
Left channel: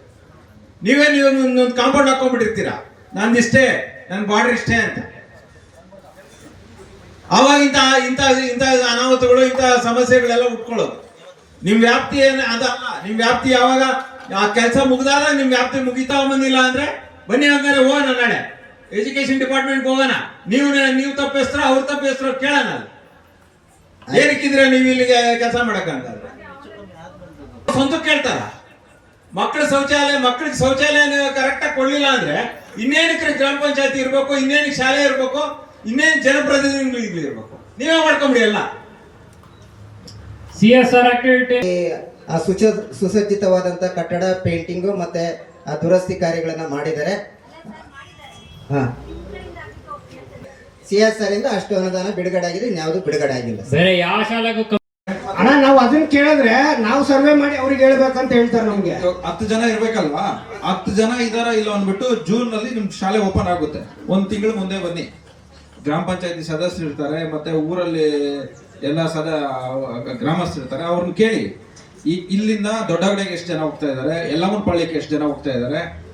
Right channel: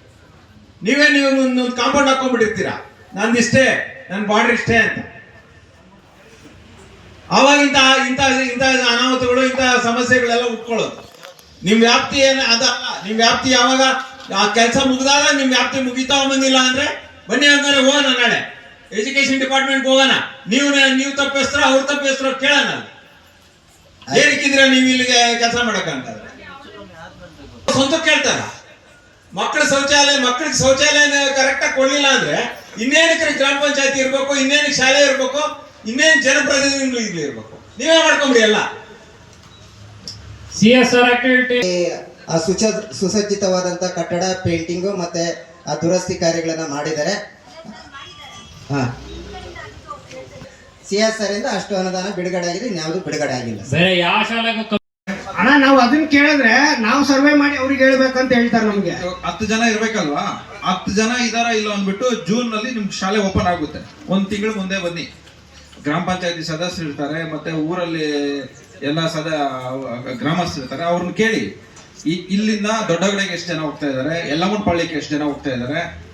ನೀವೇ ನೀವು ಒಂದು ಕಾಂಪೌಂಡ್ ಹಾಕೊಂಡ್ಬಿಟ್ಟಿರ್ತೀರಾ. ಇಷ್ಟೇ ನನ್ನ ಬಾರ್ಡರ್ ಇಷ್ಟೇ ಅಂತ. ಅವಾಗ ಇಂಥ ಇಂಥ ಇಂಥ ಅನಾಹುತಗಳು, ಇಂಥ ಸಮಸ್ಯೆಗಳೆಲ್ಲ ಉಟ್ಕೊಳ್ಳೋದು. ನಿಮ್ ವ್ಯಾಪ್ತಿ ಏನು ಅದಲ್ಲ ನಿಮ್ ವ್ಯಾಪ್ತಿ ಯಾವಾಗ ಆ ಕೆಲಸ ಮುಗಿದಾಗ ನಿಮ್ ವ್ಯಾಪ್ತಿ ಮುಗಿತಾ ಬಂದಿಲ್ಲ ಅಂದ್ರೆ, ಬನ್ನಿ ಹಂಗಾರೆ ಹೋಗೋಣ ನಾಳೆ. ಎಜುಕೇಶನ್ ಡಿಪಾರ್ಟ್ಮೆಂಟ್ ಹೋಗೋಣ. ನೀವು ನೀವು ತಪ್ಪಿಸ್ತ್ರ ಅವ್ರು ತಪ್ಪಿಸ್ತ್ರ ಕೇಳೋಣ. ಏನಕ್ಕಿದ್ರೆ ನೀವು ಇಲ್ಲಿಗೆ ಕೆಲಸ ಮಾಡಕ್ಕಂತಾರೆ ಸ್ವಂತ ಕೇಳ್ತಾರ. ಮಕ್ಕಳ ಶೌಚಾಲಯ ಮಕ್ಕಳಿಗೆ ಶೌಚಾಲಯ ಕರೆಕ್ಟ್ ಆಗಿ ಕೊಡ್ಲಿಲ್ಲ ಅಂದ್ರೆ ಇನ್ನೇನಕ್ಕೆ ಗ್ರಾಮ ಪಂಚಾಯತಿ ಇರ್ಬೇಕು ಇನ್ನೇನಕ್ಕೆ ಶಾಲೆ ಇರ್ಬೇಕು ಇನ್ನೇನು ಜನಪ್ರತಿನಿಧಿಗಳು ಇರ್ಬೇಕು? ನೀವೇ ಮಾಡ್ಕೊಂಡ್ರಿ ಎಲ್ಲ. ಸಿ ಎಸ್ ಆರ್ ಆಕ್ಟಿವಿಟಿ ಆ ಸುಸಜ್ಜಿತವಾದಂತ ಕಟ್ಟಡ ಪೇಂಟಿಂಗು ಮತ್ತೆ ಆ ದುರಸ್ತಿ ಕಾರ್ಯಗಳನ್ನ ಮಾಡಿದ್ದಾರೆ. ಹಾ. ಸಿ ಎಸ್ ಆರ್ ಇಂದ ಅಷ್ಟು ಅನುದಾನ ಬಿಡುಗಡೆ ಆಗಿದೆ ಇನ್ಯಾವುದು ಬಿಡುಗಡೆ ಆಗಿಲ್ಲ. ಬೇರೆ ಯಾವ ಶಾಲೆಗೂ ಅಣ್ಣ ನಾವು ಅದನ್ನ ಕೇಳಿದ್ರೆ ನಾವು ಸರ್ವೆ ಮಾಡಿ ಅವ್ರಿಗೆ ಹೇಳ್ಬೇಕಂತ ಹೇಳ್ತಾರೆ ನಮ್ಗೆ. ಹತ್ತು ಜನ ಇರ್ಬೇಕಲ್ವಾ? ಹತ್ತು ಜನ ಇದಾರ ಇಲ್ಲ ಅಂದ್ಬಿಟ್ಟು ಜೂನ್ನಲ್ಲಿ ನಿಮ್ ಶಾಲೆ ಓಪನ್ ಆಗುತ್ತೆ. ಒಂದ್ ತಿಂಗಳು ಮುಂದೆ ಬನ್ನಿ. ಗ್ರಾಮ ಪಂಚಾಯತಿ ಸದಸ್ಯರು ಇರ್ತಾರೆ ಮತ್ತೆ ಊರಲ್ಲಿ ಎಲ್ಲ ಸದ ಗ್ರಾಮಸ್ಥರು ಇರ್ತಾರೆ ಅವ್ರನ್ನ ಕೇಳಿ. ಈ- ಇಲ್ಲಿಂದ ದೊಡ್ಡಗಡೆಗೆ ಎಷ್ಟು ಜನ ಹೋಗ್ತಾ ಇದಾರೆ? ಯಲ್ಲಮ್ಮನ ಪಳ್ಳಿಗೆ ಎಷ್ಟು ಜನ ಹೋಗ್ತಾ ಇದಾರೆ?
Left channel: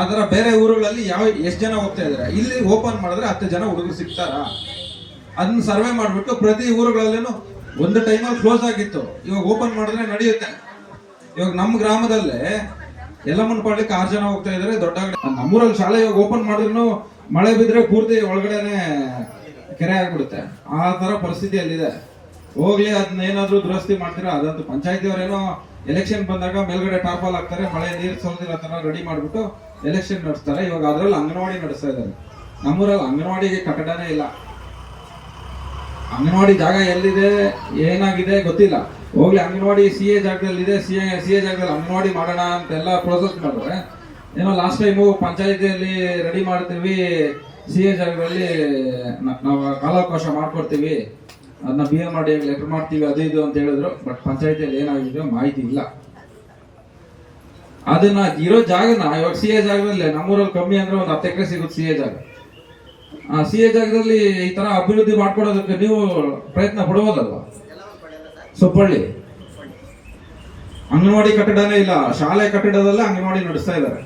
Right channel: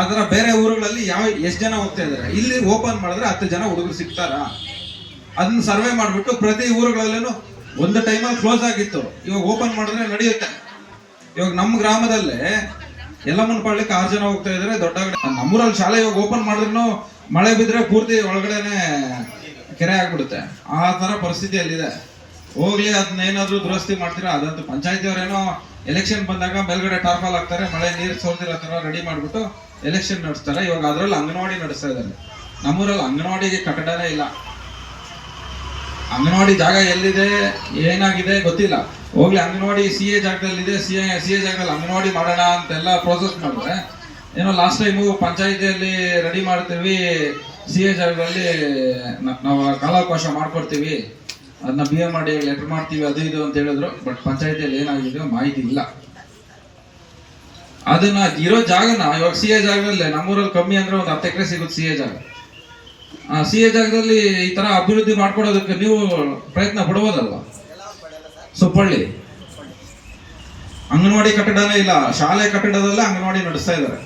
ಆ ಥರ ಬೇರೆ ಊರುಗಳಲ್ಲಿ ಯಾವ ಎಷ್ಟು ಜನ ಹೋಗ್ತಾ ಇದ್ದಾರೆ? ಇಲ್ಲಿ ಓಪನ್ ಮಾಡಿದ್ರೆ ಹತ್ತು ಜನ ಹುಡುಗರು ಸಿಗ್ತಾರಾ? ಅದನ್ನ ಸರ್ವೆ ಮಾಡ್ಬಿಟ್ಟು ಪ್ರತಿ ಊರುಗಳಲ್ಲೂ ಒಂದು ಟೈಮಲ್ಲಿ ಕ್ಲೋಸ್ ಆಗಿತ್ತು. ಇವಾಗ ಓಪನ್ ಮಾಡಿದ್ರೆ ನಡೆಯುತ್ತೆ. ಇವಾಗ ನಮ್ಮ ಗ್ರಾಮದಲ್ಲೇ ಎಲ್ಲಮ್ಮನ ಪಾಳ್ಯಕ್ಕೆ ಆರು ಜನ ಹೋಗ್ತಾ ಇದ್ರೆ ದೊಡ್ಡ ನಮ್ಮೂರಲ್ಲಿ ಶಾಲೆ ಇವಾಗ ಓಪನ್ ಮಾಡಿದ್ರು ಮಳೆ ಬಿದ್ರೆ ಪೂರ್ತಿ ಒಳಗಡೆನೆ ಕೆರೆ ಆಗ್ಬಿಡುತ್ತೆ. ಆ ತರ ಪರಿಸ್ಥಿತಿ ಅಲ್ಲಿದೆ. ಹೋಗ್ಲಿ ಅದನ್ನ ಏನಾದ್ರು ದುರಸ್ತಿ ಮಾಡ್ತೀರಾ? ಅದಂತೂ ಪಂಚಾಯತಿ ಅವರೇನೋ ಎಲೆಕ್ಷನ್ ಬಂದಾಗ ಮೇಲ್ಗಡೆ ಟಾರ್ಪಾಲ್ ಹಾಕ್ತಾರೆ, ಮಳೆ ನೀರು ಸೋಲ್ದಿರೋ ತರ ರೆಡಿ ಮಾಡ್ಬಿಟ್ಟು ಎಲೆಕ್ಷನ್ ನಡೆಸ್ತಾರೆ. ಇವಾಗ ಅದರಲ್ಲಿ ಅಂಗನವಾಡಿ ನಡೆಸ್ತಾ ಇದ್ದಾರೆ. ನಮ್ಮೂರಲ್ಲಿ ಅಂಗನವಾಡಿಗೆ ಕಟ್ಟಡನೇ ಇಲ್ಲ. ಅಂಗನವಾಡಿ ಜಾಗ ಎಲ್ಲಿದೆ, ಏನಾಗಿದೆ ಗೊತ್ತಿಲ್ಲ. ಹೋಗ್ಲಿ, ಅಂಗನವಾಡಿ ಸಿ ಎ ಜಾಗದಲ್ಲಿದೆ, ಸಿ ಎ ಸಿ ಎ ಜಾಗದಲ್ಲಿ ಅಂಗನವಾಡಿ ಮಾಡೋಣ ಅಂತೆಲ್ಲ ಪ್ರೋಸೆಸ್ ಮಾಡಿದ್ರೆ, ಏನೋ ಲಾಸ್ಟ್ ಟೈಮು ಪಂಚಾಯತಿಯಲ್ಲಿ ರೆಡಿ ಮಾಡ್ತೀವಿ, ಸಿ ಎ ಜಾಗದಲ್ಲಿ ನಾವು ಕಾಲಾವಕಾಶ ಮಾಡ್ಕೊಡ್ತೀವಿ, ಅದನ್ನ ಬಿ ಎ ಮಾಡಿ ಲೆಟರ್ ಮಾಡ್ತೀವಿ, ಅದು ಇದು ಅಂತ ಹೇಳಿದ್ರು. ಬಟ್ ಪಂಚಾಯತಿಯಲ್ಲಿ ಏನಾಗಿದೆ ಮಾಹಿತಿ ಇಲ್ಲ. ಅದನ್ನ ಇರೋ ಜಾಗನ, ಇವಾಗ ಸಿ ಎ ಜಾಗದಲ್ಲೇ, ನಮ್ಮೂರಲ್ಲಿ ಕಮ್ಮಿ ಅಂದ್ರೆ ಒಂದು ಹತ್ತು ಎಕರೆ ಸಿಗುತ್ತೆ ಸಿ ಎ ಜಾಗ. ಆ ಸಿ ಎ ಜಾಗದಲ್ಲಿ ಈ ತರ ಅಭಿವೃದ್ಧಿ ಮಾಡ್ಕೊಡೋದಕ್ಕೆ ನೀವು ಪ್ರಯತ್ನ ಪಡ್ಬೋದಲ್ವಾ? ಸುಪ್ಪಳ್ಳಿ. ಅಂಗನವಾಡಿ ಕಟ್ಟಡನೇ ಇಲ್ಲ, ಶಾಲೆ ಕಟ್ಟಡದಲ್ಲೇ ಅಂಗನವಾಡಿ ನಡೆಸ್ತಾ ಇದ್ದಾರೆ.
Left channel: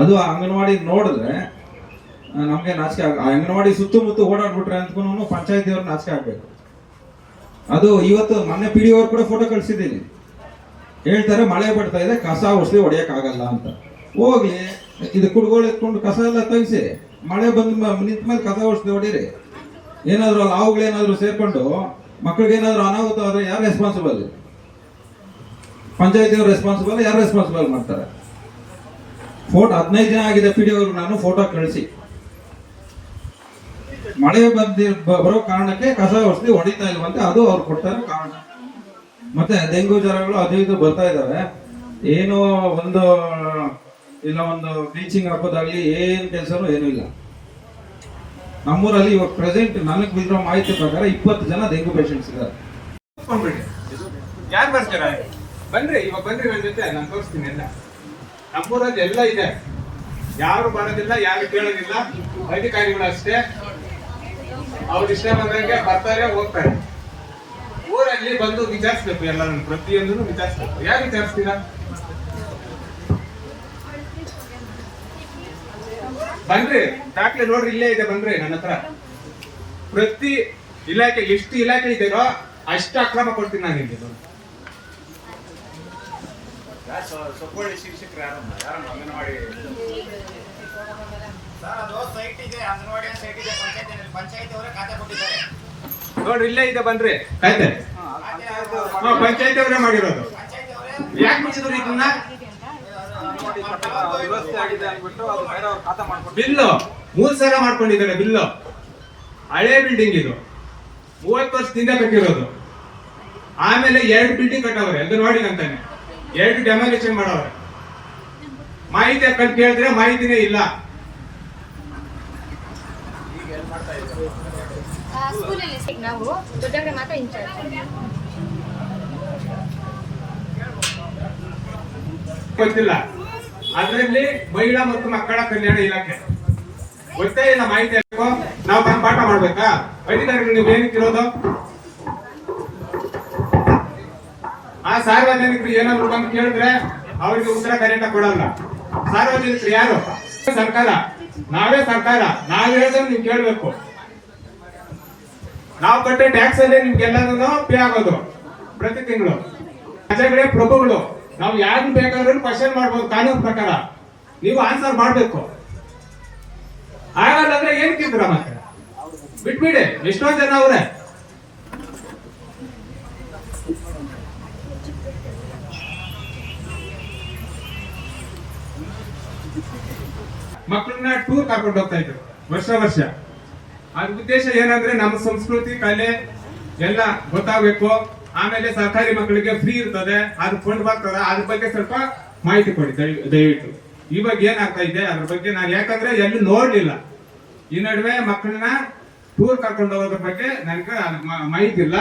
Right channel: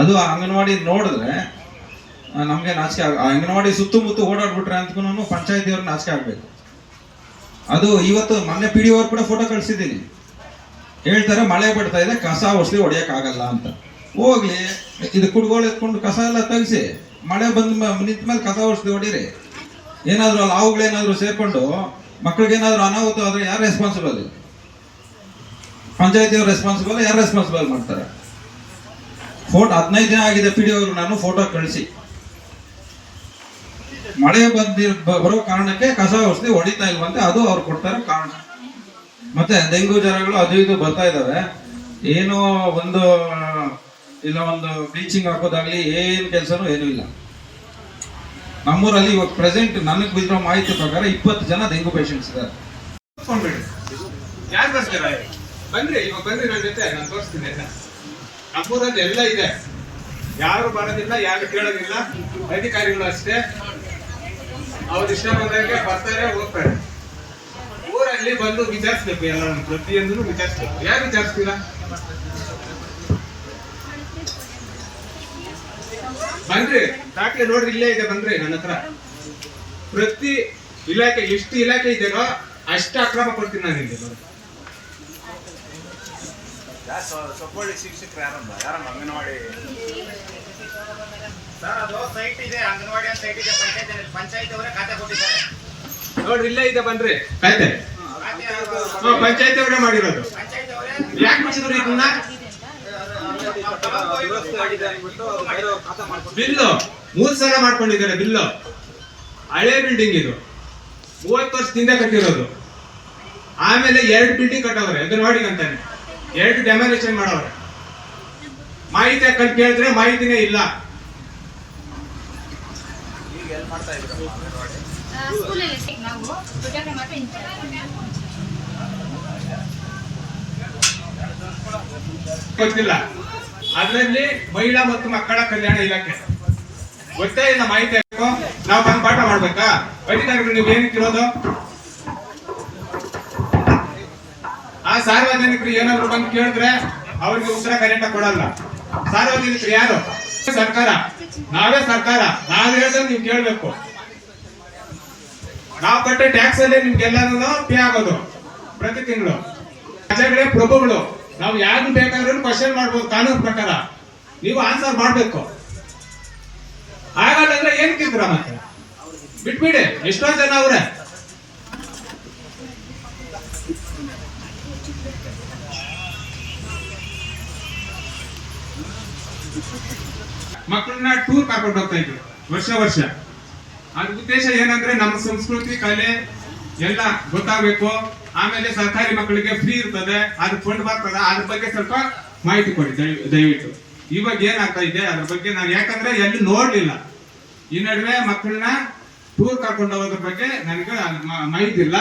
ಅದು ಆ ಅಂಗನವಾಡಿ ನೋಡಿದ್ರೆ ನಮಗೆ ನಾಚಿಕೆ ಆ ಅಂಗನವಾಡಿ ಸುತ್ತಮುತ್ತ ಓಡಾಡ್ಬಿಟ್ರೆ ಅಂತೂ ಪಂಚಾಯತಿಯವ್ರು ನಾಚಿಕೆ ಆಗ್ಬೇಕು. ಅದು ಇವತ್ತು ಮೊನ್ನೆ ಪಿ ಡಿ ಕೂಡ ಫೋಟೋ ಕಳಿಸಿದ್ದೀನಿ. ಹೇಳ್ತಾರೆ, ಮಳೆ ಬರ್ತಾ ಇದೆ, ಕಸ ಔಷಧಿ ಆಗಲ್ಲ ಅಂತ. ಹೋಗ್ಲಿ, ಇದು ಕುಡ್ಗೋಳು ಎತ್ಕೊಂಡು ಕಸ ಎಲ್ಲ ತೆಗಿಸಿ, ಮಳೆ ಬಂದ ನಿಂತ ಮೇಲೆ ಕಸ ಔಷಧಿ ಹೊಡೀರಿ. ಏನಾದರೂ ಅಲ್ಲಿ ಹಾವುಗಳೇನಾದ್ರು ಸೇರ್ಕೊಂಡು ಮಕ್ಕಳಿಗೇನಾದರೂ ಅನಾಹುತ ಆದ್ರೆ ಯಾರು ರೆಸ್ಪಾನ್ಸಿಬಲ್ ಪಂಚಾಯತಿಯವ್ರು ರೆಸ್ಪಾನ್ಸಿಬಲ್ ಯಾರು ರೆಸ್ಪಾನ್ಸಿಬಲ್ ಮಾಡ್ತಾರೆ? ಫೋಟೋ, ಹದಿನೈದು ದಿನ ಆಗಿದೆ ಪಿ ಡಿ ನಾನು ಫೋಟೋ ಕಳಿಸಿ. ಮಳೆ ಬಂದಿ ಬರೋ ಕಾರಣಕ್ಕೆ ಕಸ ಔಷಧಿ ಹೊಡಿತಾ ಇಲ್ವಂತೆ, ಅದು ಅವ್ರು ಕೊಡ್ತಾರೆ ಕಾರಣ. ಮತ್ತೆ ಡೆಂಗು ಜ್ವರಗಳು ಅದು ಇದು ಬರ್ತಾ ಇದಾವೆ. ಏನು ಒಂದು, ಇಲ್ಲ ಒಂದು ಬ್ಲೀಚಿಂಗ್ ಹಾಕೋದಾಗ್ಲಿ ಏನು ಕೆಲಸನೂ ಏನೂ ಇಲ್ಲ. ನಮ್ಮೂರಲ್ಲಿ ಇವಾಗ ಪ್ರೆಸೆಂಟ್ ನನಗೆ ಬಿದ್ದಿರೋ ಮಾಹಿತಿ ಪ್ರಕಾರ ಇಪ್ಪತ್ತು ಜನ ಡೆಂಗು ಪೇಷಂಟ್ಸ್ ಇದ್ದಾರೆ ಯಾರು ಬನ್ರಿ, ಇವಾಗ ಬನ್ರಿ ನನ್ನ ಜೊತೆ, ನಾನು ತೋರಿಸ್ತೀನಿ ಎಲ್ಲ. ನಮ್ಮೂರಲ್ಲಿ ಎಲ್ಲ ಇದೆ. ಯಾರು ಬರೋದಿಲ್ಲ, ಯಾರು ಕೇಳೋದಿಲ್ಲ. ಅಧಿಕಾರಿಗಳು ಅಷ್ಟೇ. ಅವ್ರು ಇಷ್ಟ ಬಂದಂಗೆ ಬರ್ತಾರೆ, ಹೋಗ್ತಾರೆ. ಊರಲ್ಲಿ ಬಂದು ವಿಚಾರಿಸ್ಬೇಕು ಎಲ್ಲ ಪ್ರತಿಯೊಂದನ್ನು ವಿಚಾರಿಸ್ಬೇಕು. ಯಾರು ವಿಚಾರಿಸ್ತೀರಾ? ಬನ್ರಿ ದಾಖಲೆ ನೋಡ್ರಿ, ಇಲ್ಲೇ ಇದೆ ಬಂದ್ರಿ ನನ್ನ ಹತ್ರ. ಪ್ರತಿ ಇಲಾಖೆ, ಎಷ್ಟು ಇಲಾಖೆ ಇದೆಯೋ ಅಷ್ಟು ಅಕ್ರಮ ಕೊಡ್ತೀನಿ ನಾನು ಇಲ್ಲಿ ಬಂದು. ನೋಡ್ರಿ ಇಲ್ಲೇ ಇದೆ ಬನ್ರಿ ಆಯ್ತಾ. ಪಂಚಾಯತ್ ಅವರೇ ಮಾಡಿರೋದು. ಯಾಕೆ ಮಾಡಿದ್ರು ಇದನ್ನ? ಬಿಲ್ಲು. ಮೂರ್ ಸಲ ಮಾಡ್ಕೊಂಡಿದ್ದಾರೆ ಬಿಲ್ಲು. ಹಳೆ ಬಿಲ್ಡಿಂಗ್ ಇದು. ಮೂವತ್ತು ವರ್ಷದಿಂದ ಕಟ್ಟಿರೋದು. ಆಮೇಲೆ ಎರಡು ಬಿಲ್ಡಿಂಗ್ ಕಟ್ಟವ್ರೆ ಅಂಗನವಾಡಿ ಅಂತಾನೆ ಎರಡು ಡೆಮಾಲೇಷನ್ ಮಾಡವ್ರೆ. ಮಾಹಿತಿ ಕಟ್ಟಿ ಕೇಳಿದ್ರೆ ಮಾಹಿತಿನೇ ಇಲ್ಲ. ನಾವು ಮಾತ್ರ ಇಂಚಾರ್ಜ್ ಗೊತ್ತಿಲ್ಲ. ಅದರಲ್ಲಿ ಮಹಿಳಾ ಮತ್ತು ಮಕ್ಕಳ ಕಲ್ಯಾಣ ಇಲಾಖೆ. ಗೊತ್ತಾ ಇಲ್ಲ ಮಾಹಿತಿ ನಾವು ಬಂದು ಪಾಠ ಮಾಡ್ಬೇಕಾ? ಅಧಿಕಾರಿಗಳು ನೀವು ಏನಕ್ಕಿರೋದು ಆ ಸಾರ್ವಜನಿಕರು ಏನಾದ್ರು ಬಂದು ಕೇಳಿದ್ರೆ ಅವ್ರಿಗೆ ಉತ್ತರ ಕರೆಂಟ್ ಕೊಡಲ್ಲ. ಸಾರ್ವಜನಿಕರು ಯಾರು? ಸರ್ಕಾರ. ನಾವೇ ಸರ್ಕಾರ. ನಾವ್ ಹೇಳ್ದಂಗೆ ನೀವು ಕೇಳ್ಬೇಕು. ನಾವು ಕಟ್ಟೋ ಟ್ಯಾಕ್ಸ್ ಅಲ್ಲೇ ನಿಮ್ಗೆಲ್ಲರೂ ಪೇ ಆಗೋದು ಪ್ರತಿ ತಿಂಗಳು. ಪ್ರಜೆಗಳೇ ಪ್ರಭುಗಳು, ನಾವು ಯಾರು ಬೇಕಾದ್ರೂ ಕ್ವಶನ್ ಮಾಡ್ಬೋದು, ಕಾನೂನು ಪ್ರಕಾರ. ನೀವು ಆನ್ಸರ್ ಮಾಡಬೇಕು. ಆಗಲ್ಲ ಏನ್ ತಿಂದ್ರ ಮತ್ತೆ? ಬಿಟ್ಬಿಡಿ ಎಷ್ಟೊಂದು ಜನ ಅವ್ರೆ. ಮಕ್ಕಳನ್ನ ಟೂರ್ ಕರ್ಕೊಂಡು ಹೋಗ್ತಾ ಇದ್ರು, ವರ್ಷ ವರ್ಷ. ಅದ್ರ ಉದ್ದೇಶ ಏನಂದ್ರೆ ನಮ್ಮ ಸಂಸ್ಕೃತಿ, ಕಲೆ ಎಲ್ಲ ಗೊತ್ತಾಗಬೇಕು. ಆಮೇಲೆ ಸರ್ಕಾರಿ ಮಕ್ಕಳಿಗೆ ಫ್ರೀ ಇರ್ತದೆ. ಅದು ಫಂಡ್ ಬರ್ತದೆ. ಅದ್ರ ಬಗ್ಗೆ ಸ್ವಲ್ಪ ಮಾಹಿತಿ ಕೊಡಿ ದಯ- ದಯವಿಟ್ಟು. ಇವಾಗ ಏನಾಗ್ತಾ ಇದೆ? ಅದ್ರ ಬಗ್ಗೆ ನಾನು ಯಾಕಂದ್ರೆ ಎಲ್ಲಿ ನೋಡ್ಲಿಲ್ಲ. ಈ ನಡುವೆ ಮಕ್ಕಳನ್ನ ಟೂರ್ ಕರ್ಕೊಂಡು ಹೋಗೋದ್ರ ಬಗ್ಗೆ ನನಗೆ ಮಾಹಿತಿ ಇಲ್ಲ.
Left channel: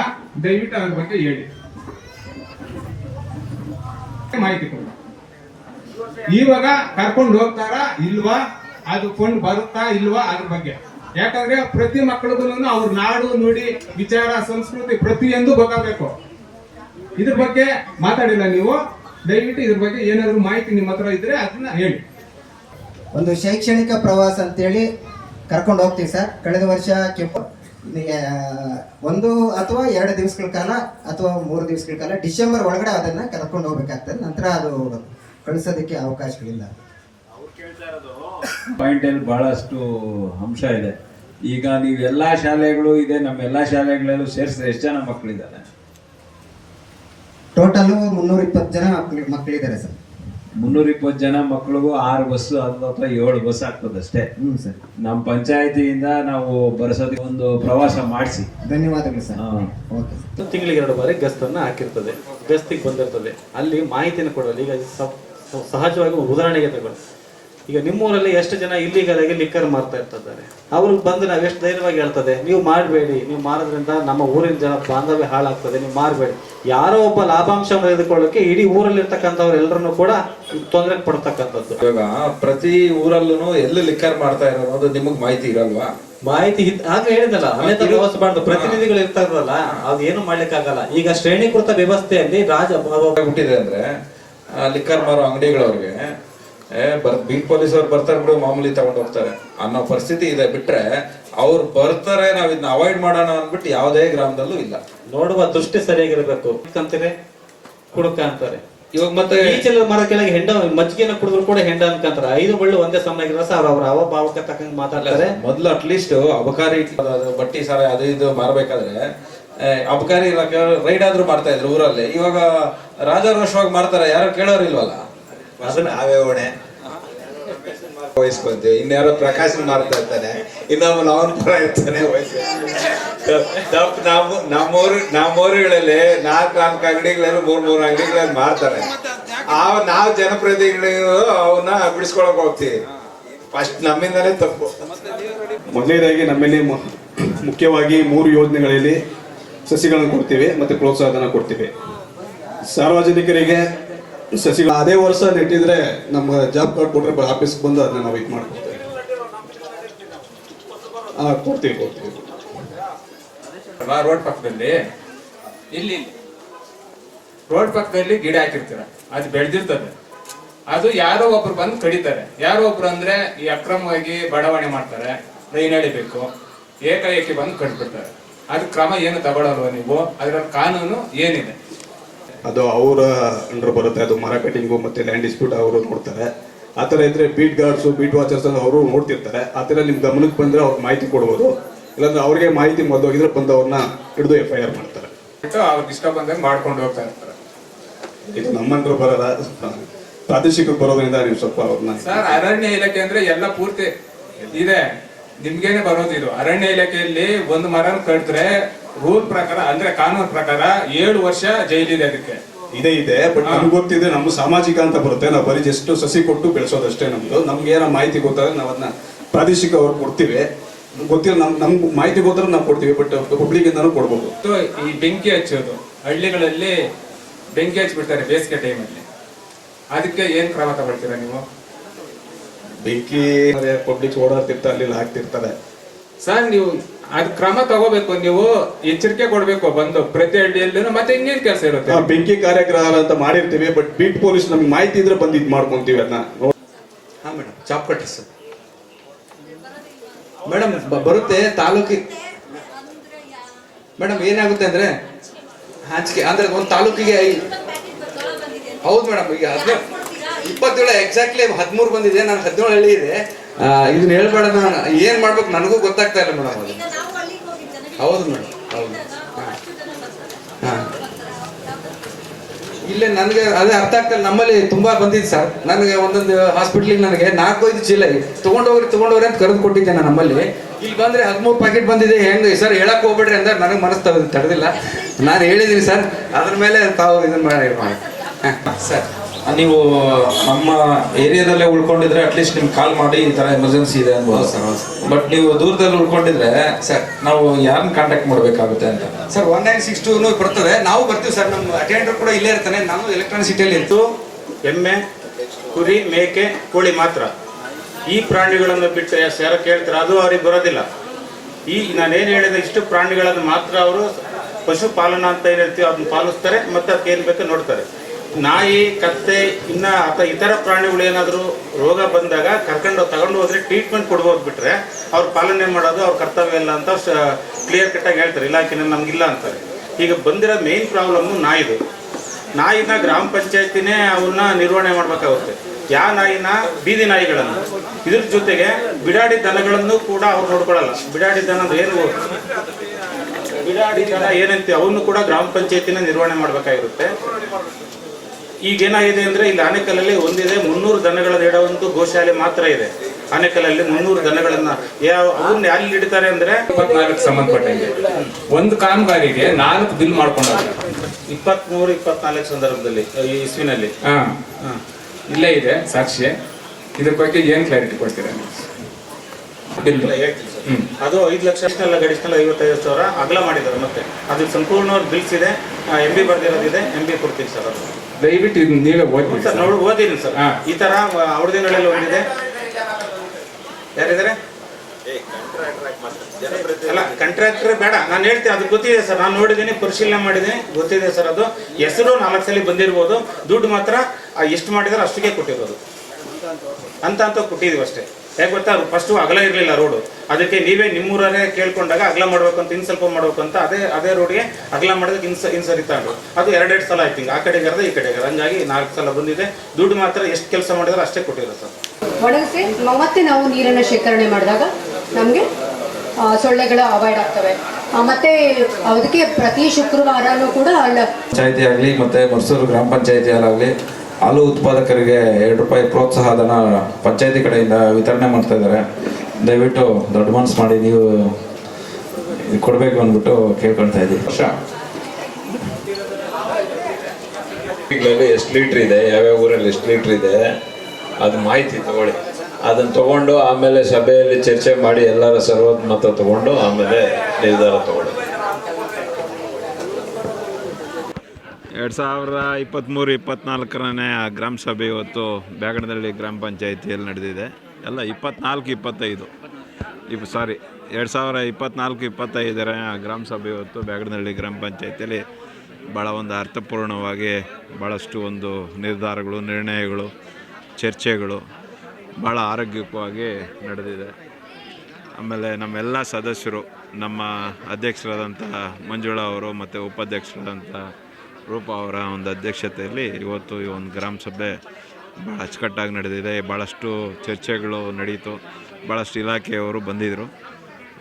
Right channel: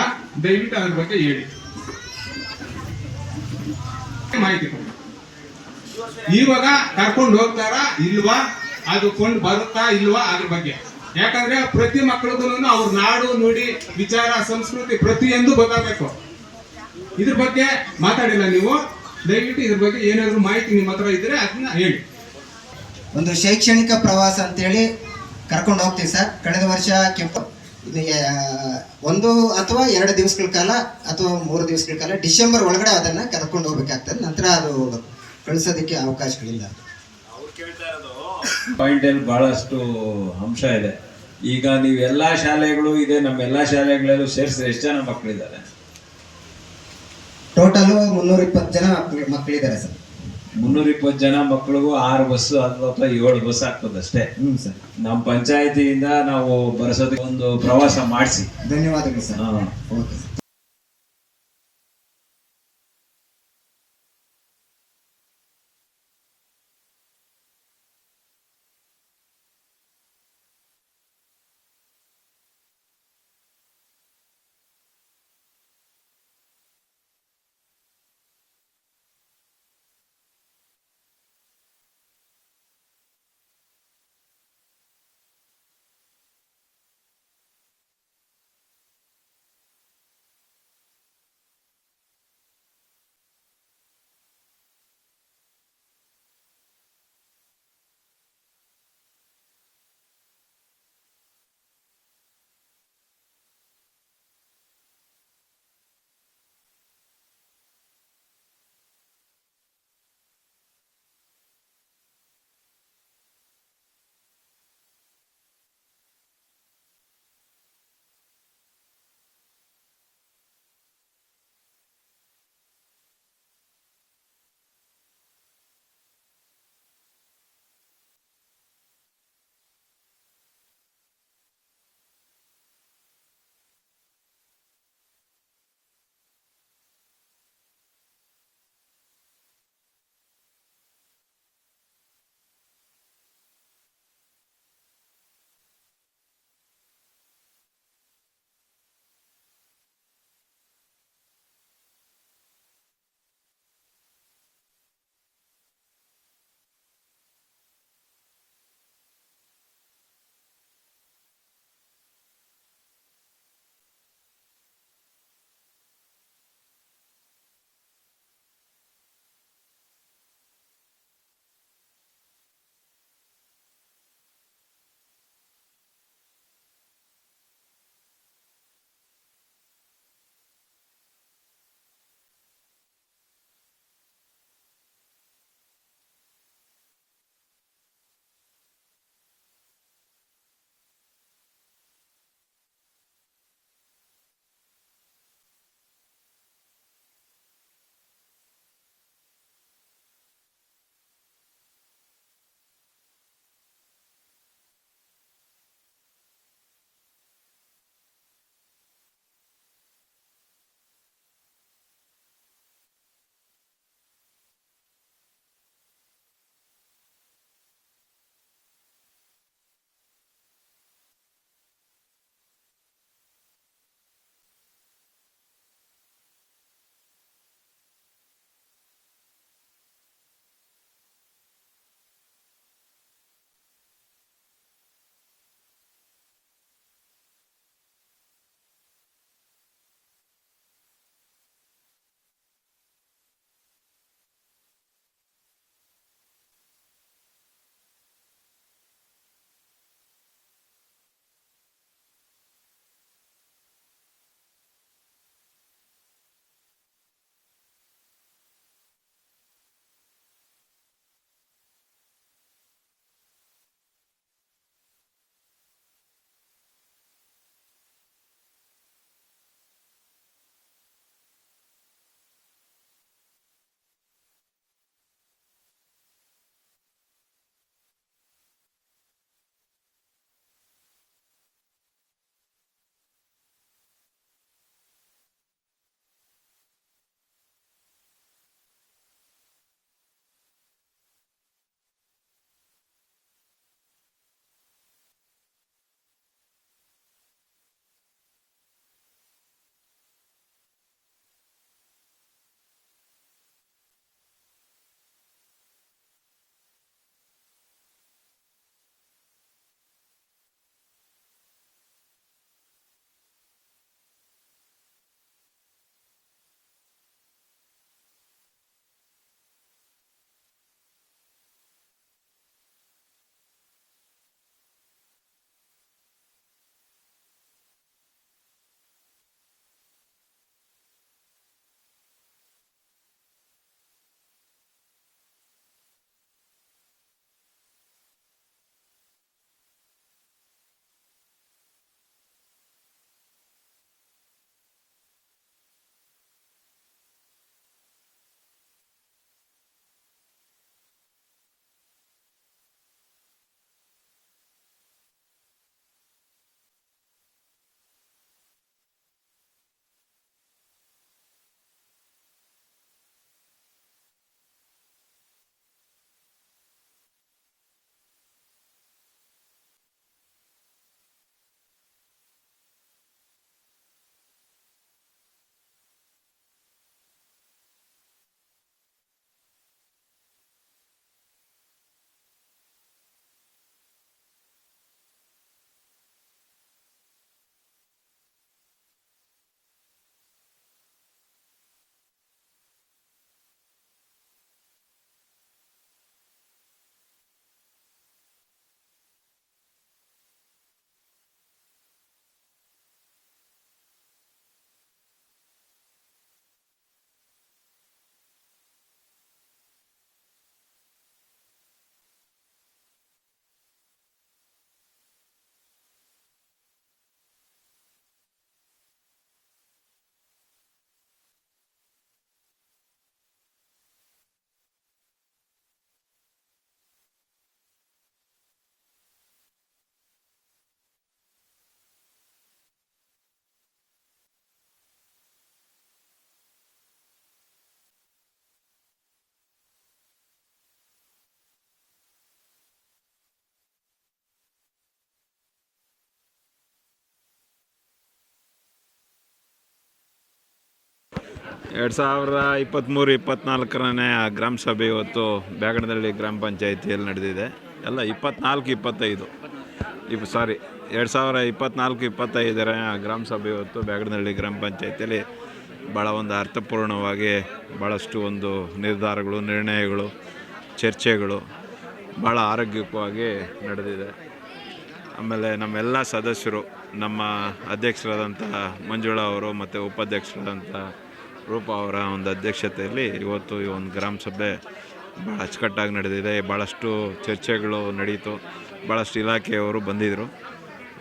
ದಯವಿಟ್ಟು ಅದ್ರ ಬಗ್ಗೆ ಹೇಳಿ. ಮಾಹಿತಿ ಕೊಡಿ. ಇವಾಗ ಕರ್ಕೊಂಡು ಹೋಗ್ತಾರಾ ಇಲ್ವಾ? ಅದು ಫಂಡ್ ಬರುತ್ತಾ ಇಲ್ವಾ ಅದ್ರ ಬಗ್ಗೆ. ಯಾಕಂದ್ರೆ ಪ್ರತಿ ಮಕ್ಕಳಿಗೂ ಅವ್ರ ನಾಡು ನುಡಿ ವಿಚಾರ ಸಂಸ್ಕೃತಿ ಪ್ರತಿಯೊಂದು ಗೊತ್ತಾಗಬೇಕು. ಇದ್ರ ಬಗ್ಗೆ ಮಾತಾಡಿಲ್ಲ ನೀವು? ದಯವಿಟ್ಟು ಇದ್ರ ಬಗ್ಗೆ ಏನಾದರೂ ಮಾಹಿತಿ ನಿಮ್ಮ ಹತ್ರ ಇದ್ರೆ ಅದನ್ನ ಹೇಳಿ. ಒಂದು ಶೈಕ್ಷಣಿಕ ಪ್ರವಾಸ ಅಂತೇಳಿ ಕರ್ಕೊಂಡು ಹೋಗ್ತೀವಿ ಸರ್. ಕಳೆದ ವರ್ಷ ಕೆಂಪು ಒಂದು ಅಥವಾ ಎರಡು ದಿವಸಗಳ ಕಾಲ ಅಥವಾ ಮೂರು ದಿವಸಗಳ ಕಾಲ ಡಿಸೆಂಬರ್ ಒಳಗಡೆ ಅದನ್ನು ಕರ್ಕೊಂಡು ಹೋಗ್ಬೇಕಾಗ್ತದೆ. ನಂತರ ಅದು ಕಳಿಸೋದಕ್ಕೆ ಅವಕಾಶಗಳಿಲ್ಲ. ಪಾಯಿಂಟ್ ಅಲ್ಲಿ ಬಹಳಷ್ಟು ಅಂಶ ಇದೆ. ಈಗ ನೀವು ಎಲ್ಲಾ ಶಾಲೆಗಳು ಇದೆ ನಮ್ಮ ಎಲ್ಲಾ ಶಾಲೆಗಳಲ್ಲೂ ಸೇರಿಸಿದ್ರೆ ಎಷ್ಟು ಜನ ಮಕ್ಕಳಿದ್ದಾರೆ ಟೋಟಲ್ ಮುನ್ನೂರ ಇಪ್ಪತ್ತು ಜನ ಮಕ್ಳು- ಮಕ್ಕಳಿದ್ದಾರೆ ಸರ್. ಮುನ್ನೂರ ಇಪ್ಪತ್ತು ಜನ ಮಕ್ಕಳಿಗೂ ಆರು ಬಸ್ ಅಥವಾ ಏಳು ಬಸ್ ಆಗ್ತದೆ ಅಷ್ಟೇ. ಹ್ಞೂ ಸರ್. ನಮ್ಮ ಪಂಚಾಯತಿಯಿಂದ ನಾವು ಬರೆಸೋದಕ್ಕೆ ಒಂದು ಪ್ರವಾಸ ಮಾಡಿಸಿ. ಧನ್ಯವಾದಗಳು ಸರ್. ಓಕೆ ತಿಂಗಳಿಗೆ ಎರಡು ಬಾರಿ ಗಸ್ತನ್ನ ಹಾಕಿರ್ತದೆ. ಗಸ್ತಿಗೆ ಬಂದಿರ್ತದೆ. ಅಲ್ಲಿ ಮಾಹಿತಿನ ಕೊಡೋದು. ಈಗ ಸಹಜವಾಗಿ ಉದಾಹರಣೆಗೆ ತಗೊಳ್ಳಿ. ಈಗ ನಿಮ್ಮೂರಲ್ಲಿ ಎಷ್ಟು ಜನ ಇಲ್ಲಿಗಲ್ ಆಗಿ ಲಿಕ್ಕರ್ ಮಾರ್ತಾ ಇರ್ತಿದ್ದಾರೆ? ಅವ್ರಿಗೆ ಬಂದು ನಾವು ಎಷ್ಟು ಧೈರ್ಯವಾಗಿ ಹೇಳ್ತದೆ? ನೀವು ಮಾಡಬೇಡಿ. ನೀವು ಮಾರೋದ್ರಿಂದ ನಮ್ಮ ಊರಿನ ಜನ ಬಾಂಧವ್ಯ ಹಾಳಾಗ್ತದೆ. ನೀವು ಮಾರಬೇಡಿ. ಯಾರೋ ಒಬ್ಬ ಲಾಭಾಂಶ ತೆಗೆದುಕೊಳ್ಳೋಕೆ ಇಡೀ ಊರಲ್ಲಿ ಇರ್ತಕ್ಕಂಥವ್ರು ಎಲ್ಲರನ್ನೂ ಕೂಡ ತೊಂದರೆ ಪಡ್ತಕ್ಕಂಥದ್ದು. ಇವಾಗ ಪ್ರತಿ ಊರಲ್ಲೂ ಎಲ್ಲಿ ಲಿಕ್ಕರ್ ಮಾಡ್ತಾ ಇರೋದು ಅದು ನಿಮಗೆ ಮಾಹಿತಿ ಇರಲ್ವಾ? ಮಾಹಿತಿ ಆಗ ಹೇಳಿದಲ್ಲ ಅನೇಕ ವ್ಯವಸ್ಥೆ ಪ್ರತಿನಿಧಿಗಳು ಇರ್ತಾರಲ್ಲ ಅದು ಏನು ಮಾಡ್ಲಿಕ್ಕಾಗಲ್ಲ. ಈಗ ಶ್ರೇಣೀಕೃತ ವ್ಯವಸ್ಥೆಯಲ್ಲಿ ರಾಜ ಬಿಟ್ಟಿದೆ ಅಂದ್ರೆ ಲಿಕ್ಕರ್ ಮಾರೋ ಅಂಗಡಿಗಳವ್ರಿಗೆ ಏ ಬರ್ ಬೀಟ್ ಪೊಲೀಸ್ ಅವ್ರು ಬರ್ತಾರೆ ಬಿಡು ಮಾಮೂಲಿ ತಗೊಂಡು ಹೋಗ್ತಾರೆ. ಅನ್ನೋ ಪರಿಸ್ಥಿತಿ ಇದೆ ಬಿಟ್ರೆ ಅವ್ರು ಬರ್ತಾರೆ ನಾವ್ ಇದನ್ನ ಅವಾಯ್ಡ್ ಮಾಡೋಣ ಅಂದ್ಬಿಟ್ಟು ಯಾವುದೇ ಗ್ರಾಮದಲ್ಲೂ ಇಲ್ಲ. ನೋಡುವ ದೃಷ್ಟಿ ಸರಿಯಾಗಿರ್ಬೇಕು. ಅಂತಾರೆ? ಕುಡುಕ ಅಂತಾರೆ. ಇವಾಗ ಮತ್ತೆ ಈಚಲ ಮರ ಕೆಳಗೆ ಹೆಂಡ ಮಜ್ಜಿಗೆನ ಕುಡಿದ್ರು ಕೂಡ ಹೆಂಡ ಅನ್ಕಂತಾರೆ ಐದು ಬಳ್ಳು ಒಂದೇ ಸಮನಾಗಿರೋ ಸರ್ ಅವ್ರ ಅವ ಭಾವಕ್ಕೆ ತಕ್ಕಂಗೆ ಮಾತಾಡ್ತಾರೆ. ಮೊದ್ಲು ಅಟ್ಲೀಸ್ಟ್ ಅಬಕಾರಿ ಅದು ಬಟ್ಟಿ ಸರ ಅದು ಇದು ಮಾರಬೇಕಾದ್ರೆ ಏ, ಅಬಕಾರಿ ಇಲಾಖೆ ರೈಡ್ ಆದ್ರೂ ಮಾಡ್ತಾ ಇದ್ರು ಊರಲ್ಲಿ. ಇವಾಗ ರಾಜಾರೋಷವಾಗಿ ಮಾಡ್ತಾರೆ ಯಾರು ಕೇಳೋರಿಲ್ವಲ್ಲ? ಅದನ್ನ ಆವೇ ಹೊಣೆ. ವಹಿಸ್ಕೊಂತೀವಿ. ಇನ್ಯಾರೋ ಪ್ರಕಾಶ್ ಮಾಡ್ತಾ ಇರ್ತಾನೆ. ಇನ್ನೊಬ್ಬ ಅವನ ಪರ ಇರ್ತಾನೆ ತಪ್ಪು ನಮ್ಮ ನಮ್ಮೂರು, ನಮ್ಮೂರುಗಳಲ್ಲಿ ನಾಲ್ಕು ನಾಲ್ಕು ಅಂಗಡಿಗಳಲ್ಲಿ, ಮೂರು ಮೂರು ಅಂಗಡಿಗಳಲ್ಲಿ ಮಾರ್ತಾರೆ. ಆ, ನಾವು ಜನಪ್ರತಿನಿಧಿಗಳು ಅವನ್ನ ಬಿಡಿಸ್ಕೊಳಕ್ ಹೋಗ್ತೀವಿ. ಫಸ್ಟ್ ನಮ್ಮಿಂದಲೇ ತಪ್ಪು. ಮೊದಲನೇದಾಗಿ ನಮ್ಮಲ್ಲಿ ಮುಖ್ಯವಾಗಿ ಮೂರು ಯೋಜನೆಗಳಲ್ಲಿ ಸಸಿಗಳನ್ನು ಕೊಡ್ತೀವಿ ಮತ್ತೆ ಪ್ರೋತ್ಸಾಹನ ಕೊಡ್ತೀವಿ. ಸಾರ್ವಜನಿಕರಿಗೆ ಸಸಿಗಳು ಅದೇ ವರ್ಷ ನೆಟ್ಟಿದ್ರೆ ನಮ್ಮ ಜಾಬ್ ಕಾರ್ಡ್ ಕೊಟ್ಟರೆ ಆಫೀಸ್ ಬಂದು ಅದನ್ನ ನಾವು ಇದು ಮಾಡ್ಕೊಡ್ತೇವೆ. ಹಾಂ ಕೊಡ್ತೀವಿ ಕೊಡ್ತೀವಿ ರೋಡ್ ಪಕ್ಕದಲ್ಲಿ, ಇಲ್ಲಿ ರೋಡ್ ಪಕ್ಕದಲ್ಲಿ ಗಿಡ ಹಾಕಿರ್ತೀರ. ಅದು ಬೆಳೆದಿರ್ತದೆ. ಅದು ಯಾರೋ ಒಬ್ರು ಬಂದು ಕಡಿತಾರೆ. ಯಾರೋ ಒಬ್ರು ಅಂದ್ರೆ ಈ ಅಕ್ರಮವಾಗಿ ಬಡಾವಣೆ ಮಾಡ್ತಾರೆ. ಲೈನ್ ಎಳಿಬೇಕು ಏಕಾಏಕಿ ಬಂದು ಕಟ್ಬಿಡ್ತಾರೆ. ಅದು ಕ್ರಮ ಏನು ತಗೊಳಲ್ವ ನೀವು? ಅದರ ಕಾನೂನು ಏನಿದೆ? ಅದು ಅವರ ಅಂಡರ್ ಬರುತ್ತೆ ಅದು ಮರ ಕಟಿಂಗು ಮತ್ತೆ ಲ್ಯಾಂಡ್ ಡಿಸ್ಪ್ಯೂಟ್ ಅವರು ನೋಡ್ತಾರೆ. ಆ ಥರ ಇದ್ರೆ ಬೀಟ್ ಗಾರ್ಡ್ಸು ಬೀಟ್ ವಾಚರ್ಸ್ ಅವರು ನೋಡ್ತಿರ್ತಾರೆ. ಆ ಥರ ನಿಮ್ಮ ಗಮನಕ್ಕೆ ಬಂದರೆ ಅವ್ರಿಗೆ ಮಾಹಿತಿ ಕೊಡ್ಬೋದು. ಇಲ್ಲಾಂದ್ರೆ ಅವ್ರಿಗೆ ಮಾಹಿತಿ ಮೊದಲು ಬಂದು ಅವ್ರನ್ನ ಹಿಡಿದು ಎಫ್ ಐ ಆರ್ ಮಾಡ್ತಾರೆ ಅವ್ರಿಗೆ ಇಷ್ಟ ಬಂದಂಗೆ ಮಾಡ್ಕೊಂಡು ಹೋಗ್ತಾ ಇರ್ತಾರೆ. ಇದು ನಮ್ಮಂದ್ರೆ ಅಂಡರ್ ಬರಲ್ಲ. ಪ್ರಾದೇಶಿಕ ಬರೋದ್ರಿಂದ ನೀವು ಸ್ವಲ್ಪ ಅವ್ರನ್ನ ಸರ್ ಅರಣ್ಯ ಇಲಾಖೆ ಅಂದ್ರೆ ಎಲ್ಲ ಪೂರ್ತಿ ಇದೆ. ನಿಮ್ಗೇನೆ ಬರೋದು ಇದು. ಅರಣ್ಯ ಇಲಾಖೆಯಲ್ಲಿ ಒಂದು ಮರ ಕಡಿದ್ರೆ ರೂಲ್ ಪ್ರಕಾರ ಅಂದ್ರೆ ಕಾನೂನು ಪ್ರಕಾರ ಏಳು ವರ್ಷ ಜೈಲಿದೆ ಅದಕ್ಕೆ. ಇದೇ ಇದೆ ಬಟ್ ನಮ್ಗೆ ಗೊತ್ತಿದೆ ನಮ್ಮ ಸಾಮಾಜಿಕ ಅಂತ ಬರುತ್ತೆ. ನಾವು ಬರೀ ಜಸ್ಟ್ ಸಸಿ ಕೊಟ್ಟು ಬೆಳೆಸೋದಷ್ಟೇ ನಮ್ದು. ನಮ್ಗೆ ಏನೋ ಮಾಹಿತಿ ಗೊತ್ತಾದ್ರೆ ನಾವು ಅದನ್ನ ಪ್ರಾದೇಶಿಕ ಅವ್ರು ಕೊಡ್ತೀವಿ. ಗೊತ್ತಿಲ್ಲ ನಮ್ ನಮ್ಗೆ ಮಾಹಿತಿ ಗೊತ್ತಾದ್ರೆ ನಾವು ಕೊಡ್ತೀವಿ ಬಟ್ ಪಬ್ಲಿಕ್ ಇಂದಾನು ಕೊಡ್ಬೋದು. ಈ ಬೆಂಕಿ ಹಚ್ಚೋದು ಹಳ್ಳಿಗಳಲ್ಲಿ ಬೆಂಕಿ ಹಚ್ಚಿಬಿಡ್ತಾರೆ ಬೇಸಿಗೆ ಟೈಮಲ್ಲಿ. ಅದಕ್ಕೆ ಏನ್ ಕ್ರಮ ತಗೊಳ್ತೀರಾ ನೀವು? ಬೆಂಕಿ ಪಬ್ಲಿಕ್ ಓಡಾಡ್ತಿರ್ತಾರೆ ಅಲ್ಲಿ ಹಾಕ್ತಿರ್ತಾರೆ. ಸರ್ ನೀವು ಅದ್ ಕ್ರಮ ತಗೋಬೇಕು ನೀವು ಎಚ್ಚರಿಕೆ ಕೊಡ್ಬೇಕು ಬಂದು ಪ್ರತಿ ಹಳ್ಳಿಯಲ್ಲೂ ಮತ್ತೆ ಇನ್ನೇನ್ ಕೆಲಸ ಇರುತ್ತೆ? ಆ ಬೆಂಕಿ ಕಾರ್ಯಕ್ರಮ ಅಂತ ಮಾಡಿರ್ತೀವಿ ಬಟ್ ಬೀಟ್ ಪೊಲೀಸ್ ನಮ್ಗೆ ಮಾಹಿತಿ ಇದ್ರೆ ಬಂದು ಇದು ಮಾಡ್ಕೊಂತೀವಿ ಅದನ್ನ ಹಾ ಮೇಡಮ್. ಚಾಪ್ ಕಟ್ಟಿ ಸರ್. ಮೇಡಮ್ ಬರುತ್ತೆ ತಾಲೂಕಿ ಮೇಡಮ್ ಏನಾಗುತ್ತೆ ಅಂದ್ರೆ ಹಂಚಿಕೆ ಅಂದ್ರೆ ಒಂದು ತಾಲೂಕಿಗೆ ಐ- ಹೌದು ಮೇಡಮ್. ಈಗ ಹದಿನೇಳು ಇಪ್ಪತ್ತೇಳು ಎಕ್ಸಾಕ್ಟ್ಲಿ ಹದಿಮೂರು ಬಂದಿದೆ ನಾನು ಹದಿನೇಳು ಹಳ್ಳಿ ಇದೆ. ಇದನ್ನ ಹೇಳ್ಬೇಡ ಏನ್ ಮಾಡ್ಬೇಕು ನನಗೂ ಗೊತ್ತಾಗ್ತಾ ಇಲ್ಲ ಮೇಡಮ್ ಅದು. ಹೌದು ಮೇಡಮ್ ಹೌದು. ಇಲ್ಲೇ ನನಗೆ ಅದೇ ಅರ್ಥ ಆಗ್ತಾ ಇಲ್ಲ. ನಮ್ಮಲ್ಲಿ ತುಂಬಾ ಬಂದಿದೆ ಸರ್. ನನಗೆ ಒಂದೊಂದು ಹಾಸ್ಪಿಟ್ಲಿಗೆ ನನಗೆ ನಾಲ್ಕೈದು ಚೀಲ ತಗೊಂಡೋಗ್ರಿ ತಗೊಂಡೋಗ್ರಿ ಅಂತ ಕರೆದು ಕೊಟ್ಟಿದ್ದೆ ನಾನು ನಮ್ಮಲ್ಲಿ. ಇಲ್ಲಿ ಬಂದ್ರೆ ಹದಿಮೂರು ಪ್ಯಾಕೆಟ್ ಬಂದಿದೆ. ಹೆಂಗೆ ಸರ್ ಹೇಳಕ್ ಹೋಗ್ಬೇಡ್ರಿ ಅಂದ್ರೆ ನನಗೆ ಮನಸ್ಸು ತಡದಿಲ್ಲ ನಾನು ಹೇಳಿದ್ದೀನಿ ಸರ್. ಅದ್ರ ಮೇಲೆ ತಾವು ಇದನ್ನ ಮಾಡಿ. ಸರ್. ನೀವು ನಮ್ಮ ಏರಿಯಾದಲ್ಲೇ ಉಳ್ಕೊಂಡಿದ್ರೆ ಅಟ್ಲೀಸ್ಟ್ ನಿಮ್ಗೆ ಕಾಲ್ ಮಾಡಿ ಈ ಥರ ಎಮರ್ಜೆನ್ಸಿ ಇದೆ ಅನ್ಬೋದು ಸರ್, ಬಟ್ ನೀವು ದೂರದಲ್ಲಿ ಉಳ್ಕೊಂಡಿದ್ರೆ ಸರ್. ನಾವು ಯಾರನ್ನ ಕಾಂಟ್ಯಾಕ್ಟ್ ಮಾಡಬೇಕಾಗುತ್ತೆ ಅಂತ. Sir one nine six two ಬರ್ತದೆ. ನಾವು ಬರ್ತೀವಿ ಸರ್ ನಮ್ಮ ಅಟೆಂಡರ್ ಕೂಡ ಇಲ್ಲೇ ಇರ್ತಾನೆ. ನಾನು ಎಲೆಕ್ಟ್ರಾನಿಕ್ ಸಿಟಿಯಲ್ಲಿ ಇತ್ತು ಎಮ್ಮೆ ಕುರಿ ಮೇಕೆ ಕೋಳಿ ಮಾತ್ರ. ಈ ಪ್ರಾಣಿಗಳನ್ನು ಬಿಟ್ಟರೆ ಯಾರು ಕೇಳ್ತಾರೆ ಅದು ಅವ್ರಿಗೆ ಬರೋದಿಲ್ಲ. ಈ ನಾನೇನು ಹೇಳಿದ ಇಷ್ಟು ಪ್ರಾಣಿಗಳನ್ನು ಮಾತ್ರ ಅವರು ಪಶುಪಾಲನಾ ಅಂತ ಏನಿರ್ತೀವಿ ಅದನ್ನ ಪಾಲಿಸ್ತಾರೆ ಮತ್ತೆ ಅದಕ್ಕೆ ಏನು ಬೇಕೋ ನೋಡ್ತಾರೆ. ನಾಯಿ, ಕತ್ತೆ, ಇನ್ನ ಅಥವಾ ಇತರ ಪ್ರಾಣಿಗಳು ಏನಾದರೂ ರೋಗ ಬಂದಾಗ ಕರ್ಕೊಂಡು ತಗೊಂಡು ಹೋದ್ರೆ ಟ್ರೀಟ್ಮೆಂಟ್ ಕೊಡ್ಬೋದು ಬಿಟ್ರೆ ಅವ್ರು ಪಾಲನೆ ಮಾಡೋದು ಅವ್ರ ಕರ್ತವ್ಯ ಇಲ್ಲ ಅಂತ ಕ್ಲಿಯರ್ ಕಟ್ಟಾಗಿ ಹೇಳ್ತಾರೆ. ಇಲಾಖೆನ ಇಲ್ಲ ಅಂತಾರೆ. ಈಗ ಬಂದಿರೋ ಮೇನ್ ಪ್ರಾಬ್ಲಮ್ಮು ನಾಯಿದು. ನಾಯಿನ ಗ್ರಾಮ ಪಂಚಾಯತಿನೇ ಅವನ್ನ ನಿರ್ವಹಣೆ ಮಾಡ್ಬೇಕಾಗುತ್ತೆ. ಯಾವ ನಾಯಿನ? ಬೀದಿ ನಾಯಿಗಳನ್ನು. ಇದ್ರ ಜೊತೆಗೆ ಬಿಡಾಡಿ ದನಗಳನ್ನು ಕೂಡ ಅವ್ರು ನೋಡ್ಕೊಳ್ಳಲ್ಲ ಬಿಡಾಡಿ ದನ ಏನು? ಬಿಡಾಡಿ ದನ ಏನಂತೀವಿ? ಅವನ್ನು ಕೂಡ ಗ್ರಾಮ ಪಂಚಾಯತಿನ ನಿರ್ವಹಣೆ ಮಾಡ್ಬೇಕಾಗಿರುತ್ತೆ. ಈಗ ಏನಾಗಿದೆ ಅಂದ್ರೆ ಇಲ್ಲಿ ಆನೆಕಲ್ಲಲ್ಲಿ ಒಂದಿದೆ ಮುನ್ನೂರು ದನಗಳ ಇಡೋ ಒಂದು ಗೋಶಾಲೆ ಮಾತ್ರ ಇದೆ. ಆನೆಕಲ್ಲಲ್ಲಿ ಮುನ್ನೂರು ದನಗಳನ್ನ ಯಾವ ಅವನ್ನ ಅಲ್ಲಿ ಇಡ್ತಾರೆ ಅಂದ್ರೆ ಇಪ್ಪತ್ನಾಲ್ಕು ಸಂಬಂಧಪಟ್ಟಂಗೆ ಒಂದು ಕಾಮಗಾರಿಗೆ ನಾಲ್ಕು ಬಿಲ್ ಮಾಡ್ಕೊಂಡವ್ರೆ. ಇಪ್ಪತ್ಮೂರು ಇಪ್ಪತ್ನಾಲ್ಕು ಸಂದರ್ಭದಲ್ಲಿ ಈ ಇಸ್ವಿನಲ್ಲಿ. ಹಾ. ಇಲ್ಲೇ ಇದೆ ಸಾಕ್ಷಿ. ಇದ್ರ ಬಗ್ಗೆ ಏನ್ ಕ್ಲಾರಿಟಿ ಕೊಡ್ತೀರಾ? ಬಿಲ್. ಅದು ಐದು ಲಕ್ಷ ಅಡಿಷನಲ್ ಅಡಿಷನಲ್ ಐವತ್ತೈದು ಸಾವಿರ ಅಗಲ ಮಾಡಿದ್ದಾರೆ ಮತ್ತೆ. ಅದು ಸಂಪೂರ್ಣ ಬಿಲ್ಸ್ ಇದೆ. ಎಂ ಬಿ ಬರ್ದಿರೋದಿದೆ ಎಂ ಬಿ ಕೊಡ್ತೀವಿ ಸರ್ ಅದು. ದಯವಿಟ್ಟು ಇದನ್ನ ನೀವೇ ಓದ್ಬಿಡಿ ಸರ್ ನೋಡಿ ಓದಿರಿ ಸರ್. ಹಾ. ಈ ತರ ಔಡದಿನಗಳಲ್ಲಿ ಒಂದಿದೆ. ಯಾರಿದ್ದಾರೆ? ಅಲ್ಲ ಕಾಂಟ್ರಾಕ್ಟರ್ ಬೇಡ. ನಾನು ಹೇಳ್ತೀನಿ ಅದು ಗೊತ್ತಿದೆ ಸರ್. ನಾನು ನೋಡಿದ್ದೀನಿ ಪರಿಶೀಲನೆ ಮಾಡಿದ್ದೀನಿ ಗೊತ್ತಿದೆ ಸರ್ ಅದು. ಹೆಸರು ನಾಲ್ಕು ಸಲ ಬಂದಿರ್ಬೋದು. ದುಡ್ಡು ಮಾತ್ರ ಎಷ್ಟು ಮಾಡಿದಾರೆ ಅಷ್ಟಕ್ಕೆ ಕೊಟ್ಟಿರೋದು. ಅಂತ ಅಂತ ಕೊಟ್ಟಿದೀವಿ ಅಷ್ಟೇ. ಯಾಕೆ ಗೊತ್ತಾ? ಫಸ್ಟ್ ಅಗಲ ಇರಲಿಲ್ಲ ರೋಡು ಅದಕ್ಕೆ ನೀವೇ ನಿಮ್ಮೂರೇ ಕೇಳ್ಕೊಂಡಾಗ ಅಗಲ ಮಾಡ್ಬೇಕು ಅಂತ ಇನ್ ಸ್ವಲ್ಪ ಮಾಡಬೇಕು ಅಂತ ಅದೇ ಅದೇ ರೋಡ್ಗೆ ಅಗಲ ಮಾಡೋದಕ್ಕೆ ಇನ್ಸ ಇನ್ಸರಿ ತಗೊಂಡು ಅದು ಎರಡೆರಡು ಸಲ ಆಯ್ತು ಹಿಂಗೆ. ಆ ಕಡೆಗೆ ಅರ್ಧ ಈ ಕಡೆಗೆ. ಹಂಗಾಗಿ ನಾಲ್ಕು ಸಲ ಬಂದಿದೆ. ದುಡ್ಡು ಮಾತ್ರ ಎಷ್ಟು ಕೆಲಸ ಮಾಡಿದ್ರೆ ಅಷ್ಟೇ ಕೊಟ್ಟಿರೋ ಸರ್. ಒಣಗಿಸಿ ಮತ್ತೆ ನಾವು ನೀರನ್ನು ಶೇಖರಣೆ ಮಾಡಿದಾಗ ನಮಗೆ ಸೊಳ್ಳೆಗಳು ಅವಾಯ್ಡ್ ಆಗ್ತವೆ. ಮತ್ತೆ ಅದಕ್ಕೆ ಪ್ರತಿ ಶುಕ್ರವಾರನೂ ಕೂಡ ಅಲ್ಲ ಪಂಚಾಯತಿ ಆಗಲಿ ಮತ್ತೆ ಮರ್ಸೂರು ಗ್ರಾಮ ಪಂಚಾಯತಿಯಲ್ಲಾಗಲಿ ಹಾಲು ಉತ್ಪಾದಕರಿಗೆ ಎರಡು ರೂಪಾಯಿ ಪ್ರೋತ್ಸಾಹ ಧನ ಪಂಚಾಯತಿ ಕಡೆಯಿಂದ ವಿತರಣೆ ಮಾಡ್ತಾ ಇದ್ದಾರೆ. ದಯವಿಟ್ಟು ದೊಡ್ಡ ಮನಸ್ಸು ಮಾಡಿ ನೀವು ಕೊಡಬೇಕು ಅಂದ್ಬಿಟ್ಟು ಕೇಳ್ಕೊಳ್ತಾ ಇದ್ದೀವಿ. ವರ್ಷ. ಎಷ್ಟು ಲೀಟ್ರ್ ಇದೆ, ಯಾವ್ಯಾವ ಊರಲ್ಲಿ ಎಷ್ಟು ಲೀಟ್ರ್ ಇದೆ, ಅದು ಮಾಹಿತಿ ತಗೊಳ್ಳಿ. ಅದನ್ನು ತಗೊಂಡು ಆಮೇಲೆ ಸಭೆಯಲ್ಲಿ ಚರ್ಚೆ ಮಾಡಿ ಎಲ್ಲರ ಸರ್ವೋತ್ಮತ ತಗೊಂಡು ಆಮೇಲೆ ನಿರ್ಧಾರ ತಗೊಳ್ಳಿ. ಎರಡು ಸಾವಿರದ ಇಪ್ಪತ್ತ್ಮೂರು ಇಪ್ಪತ್ತ್ನಾಲ್ಕರನೇ ಗ್ರಾಮ ಸಭೆ ಇವತ್ತು ಬ್ಯಾಗಡದಲ್ಲಿ ಗ್ರಾಮ ಪಂಚಾಯಿತಿಯಲ್ಲಿ ನಡೆದಿದೆ. ಎಲ್ಲ ಇಪ್ಪತ್ನಾಲ್ಕು, ಇಪ್ಪತ್ತೈದು. ಇಪ್ ಸಾರಿ ಎರಡು ಸಾವಿರ ಇಪ್ಪತ್ನಾಲ್ಕು, ಇಪ್ಪತ್ತೈದರ ಗ್ರಾಮ ಸಭೆ ಇವತ್ತು ಬ್ಯಾಗಡನಹಳ್ಳಿ ಗ್ರಾಮ ಪಂಚಾಯಿತಿಯಲ್ಲಿ ಭಾಳ ಒಂದು ಅರ್ಥಪೂರ್ಣವಾಗಿ ಭಾಳಷ್ಟು ಒಂದು ನಿರ್ಧಾರಗಳು, ನಿರ್ಣಯಗಳು, ಚರ್ಚೆಗಳು ಭಾಳ ಆರೋಗ್ಯಕವಾಗಿ ನಡೆದಿದೆ. ಆಮೇಲೆ ನಮ್ಮೆಲ್ಲ ಸದಸ್ಯರು, ನಮ್ಮ ಅಧ್ಯಕ್ಷರಾದಂಥ ಮಂಜುಳಾ ಅವರು ಮತ್ತು ಉಪಾಧ್ಯಕ್ಷರಾದಂಥ ರೂಪ ಅವರ ಒಂದು ಅಧ್ಯಕ್ಷತೆಯಲ್ಲಿ ಇವತ್ತು ಈ ಒಂದು ಗ್ರಾಮ ಸಭೆ ಭಾಳ ಅಚ್ಚುಕಟ್ಟಾಗಿ ನಡೆದಿದೆ. ಭಾಳಷ್ಟು ಚರ್ಚೆಗಳು ನಡೀತು. ಭಾಳಷ್ಟು ಇಲಾಖೆಯವರು ಬಂದಿದ್ದರು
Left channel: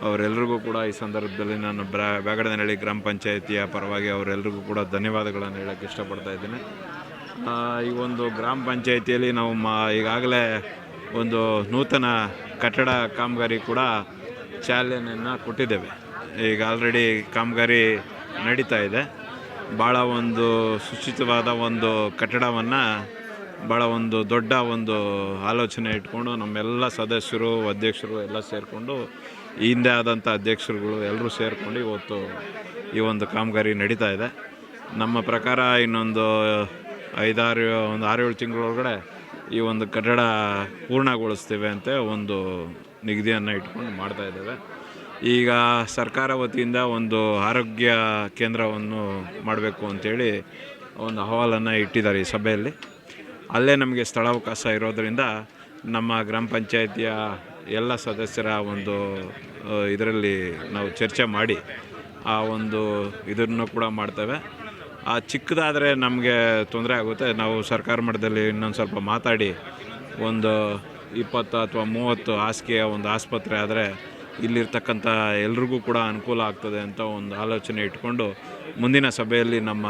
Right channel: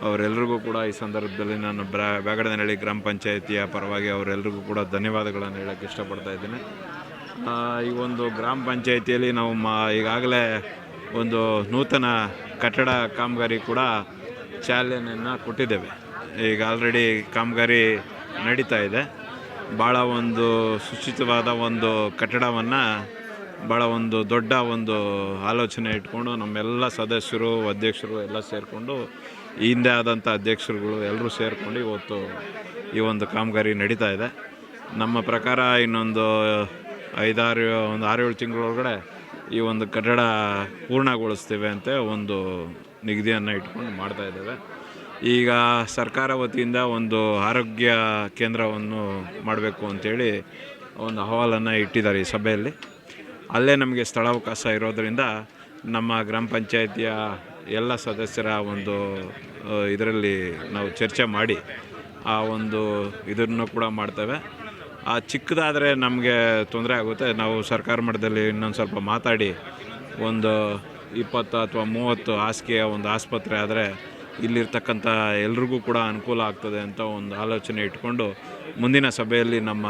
ಅವರೆಲ್ಲರಿಗೂ ಕೂಡ ಈ ಸಂದರ್ಭದಲ್ಲಿ ನಾನು ಬ್ರಾ, ಬ್ಯಾಗಡನಹಳ್ಳಿ ಗ್ರಾಮ ಪಂಚಾಯಿತಿಯ ಪರವಾಗಿ ಅವರೆಲ್ಲರಿಗೂ ಕೂಡ ಧನ್ಯವಾದಗಳನ್ನು ಹೇಳೋಕ್ಕೆ ಇಷ್ಟಪಡ್ತಾ ಇದ್ದೀನಿ. ಈ ಒಂದು ಗ್ರಾಮ ಪಂಚಾಯಿತಿಯಲ್ಲಿ ನಾವು ಮಾ, ಈಗಾಗಲೇ ಒಂದು ನೂತನ ಕಟ್ಟಡ ಕಾಮಗಾರಿ ಕೂಡ ಚಾಲನೆಯನ್ನು ಕೊಟ್ಟಿದ್ದೇವೆ. ಈಗ ಆಲ್ರೆಡಿ ಕಾಮಗಾರಿ ನಡೀತಾ ಇದೆ. ಭಾಳ ಒಂದು ಸುಚಿತವಾದ ಒಂದು ಕಟ್ಟಡವನ್ನು ಭಾಳ ಒಂದು ದೊಡ್ಡ ಒಂದು ಆಲೋಚನೆ ಇಟ್ಕೊಂಡು ನಮ್ಮೆಲ್ಲ ಸದಸ್ಯರು, ಅಧ್ಯಕ್ಷರು ಎಲ್ಲ ಸೇರಿಕೊಂಡು, ಹಿಂದೆ ಆದಂಥ ಅಧ್ಯಕ್ಷರುಗಳು ಎಲ್ಲರೂ ಸೇರಿಕೊಂಡು ಇವತ್ತು ಈ ಒಂದು ಕಾಮಗಾರಿ ನಡೀತಾ ಇದೆ. ನಮ್ಮ ಪ್ರಕಾರ ಇನ್ನೊಂದು ಐದಾರು, ಒಂದು ಆರು ಏಳು ತಿಂಗಳೊಳಗಡೆ ಈ ಒಂದು ಕಟ್ಟಡ ಪೂರ್ಣಗೊಳಿಸ್ತೇವೆ ಅಂತ ಒಂದು ನಿಗದಿಯನ್ನು ಇಟ್ಕೊಂಡು ಮಾಡ್ತಾ ಇದ್ದೇವೆ. ಈಗ ಸರ್ಕಾರ ವತಿಯಿಂದ ಒಂದು ಆರೋಗ್ಯ ಕೇಂದ್ರವನ್ನು ಮಾಡಬೇಕು ಅಂತೇಳಿ ಒಂದು ಅಹವಾಲನ್ನು ಇಟ್ಟಿದ್ದಾರೆ ಈ ಸಭೆಯಲ್ಲಿ. ಅಲ್ಲೇ ನಮಗೆ ಸ್ಥಳಾವಕಾಶ ಇರೋದರಿಂದ ನಮ್ಮ ಗ್ರಾಮ ಪಂಚಾಯಿತಿಯ ಎಲ್ಲ ಸದಸ್ಯರ ಒಂದು ಇದರಲ್ಲಿ ನಾವು ಚರ್ಚೆ ಮಾಡಿ ಆ ಒಂದು ಇದನ್ನು ಕೂಡ ಮಾಡ್ತೇವೆ. ಆ ಚಿಕ್ಕದಾದರೆ ನಮಗೆ ತೊಂದರೆ ಆಗುತ್ತೆ. ನಾವು ಸರ್ಕಾರ ಮಟ್ಟದಲ್ಲಿ ಇನ್ನೊಂದು ಸ್ವಲ್ಪ ಮಾತಾಡಿ ಒಂದು ಇಪ್ಪತ್ತು ಅಥವಾ ಮೂವತ್ತು ಹಾಸಿಗೆಯ ಒಂದು ಆಸ್ಪತ್ರೆ ಆದರೆ ಇಲ್ಲಿರ್ತಕ್ಕಂಥ ಎಲ್ರಿಗೂ ಕೂಡ ಅನುಕೂಲ ಆಗ್ತದೆ ಅಂತ ಒಂದು ಆಲೋಚನೆ ಇಟ್ಕೊಂಡು ಮುಂದಿನ ಸಭೆಯಲ್ಲಿ ನಮ್ಮ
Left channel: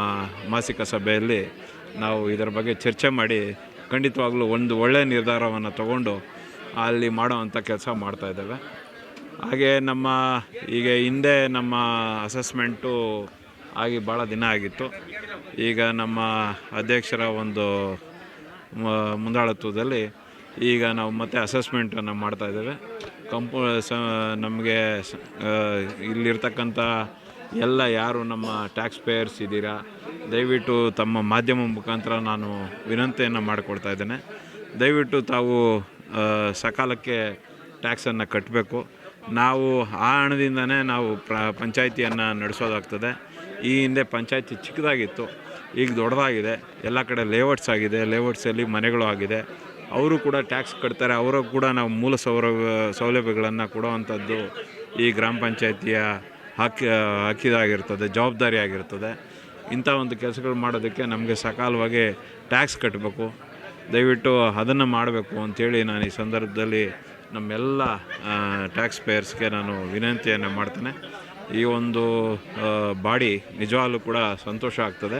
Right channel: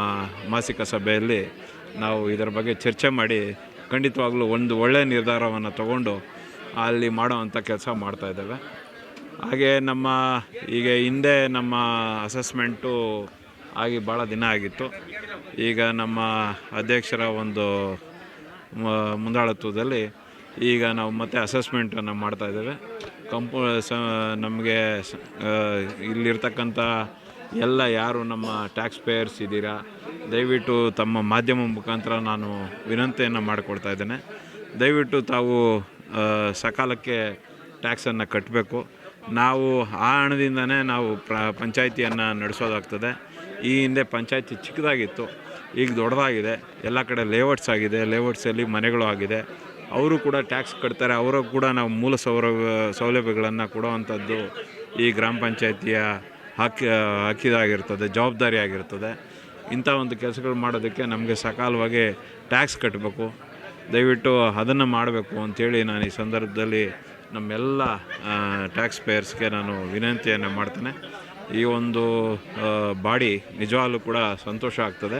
ಮಾಸಿಕ ಸಭೆಯಲ್ಲಿ ನಾವು ಇದರ ಬಗ್ಗೆ ಚರ್ಚೆ ಮಾಡಿ ಖಂಡಿತವಾಗ್ಲೂ ಒಂದು ಒಳ್ಳೆಯ ನಿರ್ಧಾರವನ್ನು ತಗೊಂಡು ಅಲ್ಲಿ ಮಾಡೋವಂಥ ಕೆಲಸ ಮಾಡ್ತಾಯಿದ್ದೇವೆ ಹಾಗೆ ನಮ್ಮ ಈಗ ಹಿಂದೆ ನಮ್ಮ ಅಸೆಸ್ಮೆಂಟು ಆಗಿ ಭಾಳ ದಿನ ಆಗಿತ್ತು. ಈಗ ನಮ್ಮ ಅಧ್ಯಕ್ಷರ ಒಂದು ಮುಂದಾಳತ್ವದಲ್ಲಿ ಈಗ ನಾವು ಮತ್ತೆ ಅಸೆಸ್ಮೆಂಟನ್ನು ಮಾಡ್ತಾಯಿದ್ದೇವೆ ಕಂಪು, ಸ, ನಮಗೆ ಇಲ್ಲಿರ್ತಕ್ಕಂಥ ಎಲ್ಲ ಯಾರು ನಮ್ಮ ಟ್ಯಾಕ್ಸ್ ಪೇಯರ್ಸ್ ಇದ್ದೀರಾ ದಯವಿಟ್ಟು ತಮ್ಮ ಮಾಧ್ಯಮ ಮುಖಾಂತರ ನಾನು ವಿನಂತಿಯನ್ನು ಮಾಡಿಕೊಡ್ತಾ ಇದ್ದೇನೆ. ದಯವಿಟ್ಟು ತಾವು ಸಕಾಲಕ್ಕೆ ಟ್ಯಾಕ್ಸನ್ನು ಕಟ್ಟಬೇಕು ನಾವು ಆ ಹಣದಿಂದನೇ ನಾವು ಪ್ರ, ಪಂಚಾಯಿತಿಯನ್ನು ನಡೆಸೋದಾಗ್ತದೆ. ಈ ಹಿಂದೆ ಪಂಚಾಯತಿ ಚಿಕ್ಕದಾಗಿತ್ತು, ಈಗ ದೊಡ್ಡದಾಗಿದೆ. ಎಲ್ಲ ಕಡೆ ಲೇಔಟ್ಸ್ ಆಗಿದೆ ಲೇಔಟ್ಸಲ್ಲಿ ಮನೆಗಳು ಆಗಿದೆ. ಅವರು ಕೂಡ ಟ್ಯಾಕ್ಸ್ ಕಟ್ತಾರೆ, ಅವರು ಕೂಡ ನಾವು ಮೂಲ ಸೌರ, ಸೌಲಭ್ಯಗಳನ್ನು ಕೊಡುವಂಥದ್ದು ಈ ಗ್ರಾಮ ಪಂಚಾಯಿತಿಯ ಹಾಕಿ, ಹಾಕಿದಾಗಿರ್ತದೆ, ಜವಾಬ್ದಾರಿ ಆಗಿರ್ತದೆ. ಇಂಥ ಒಂದು ಕೆಲಸಗಳು ಮಾಡೋದಕ್ಕೆ ನಮಗೆ ಸಕಾಲವಾಗಿ ಟ್ಯಾಕ್ಸ್ ಕಟ್ಟಬೇಕು ದಯವಿಟ್ಟು ಅದನ್ನು ಮಾಡಬೇಕು ಅಂಥೇಳಿ ನಾನು ಈ ಸಂದರ್ಭದಲ್ಲಿ ನಮ್ಮೆಲ್ಲ ಟ್ಯಾಕ್ಸ್ ಪೇಯರ್ಸ್ಗೆ ನಾನು ವಿನಂತಿಯನ್ನು ಮಾಡ್ತೇನೆ. ಈ ಒಂದು ಬಾಡಿ ನಿಜವಾಗಲೂ ಕೂಡ ಸಂತೋಷ ಆಗ್ತದೆ.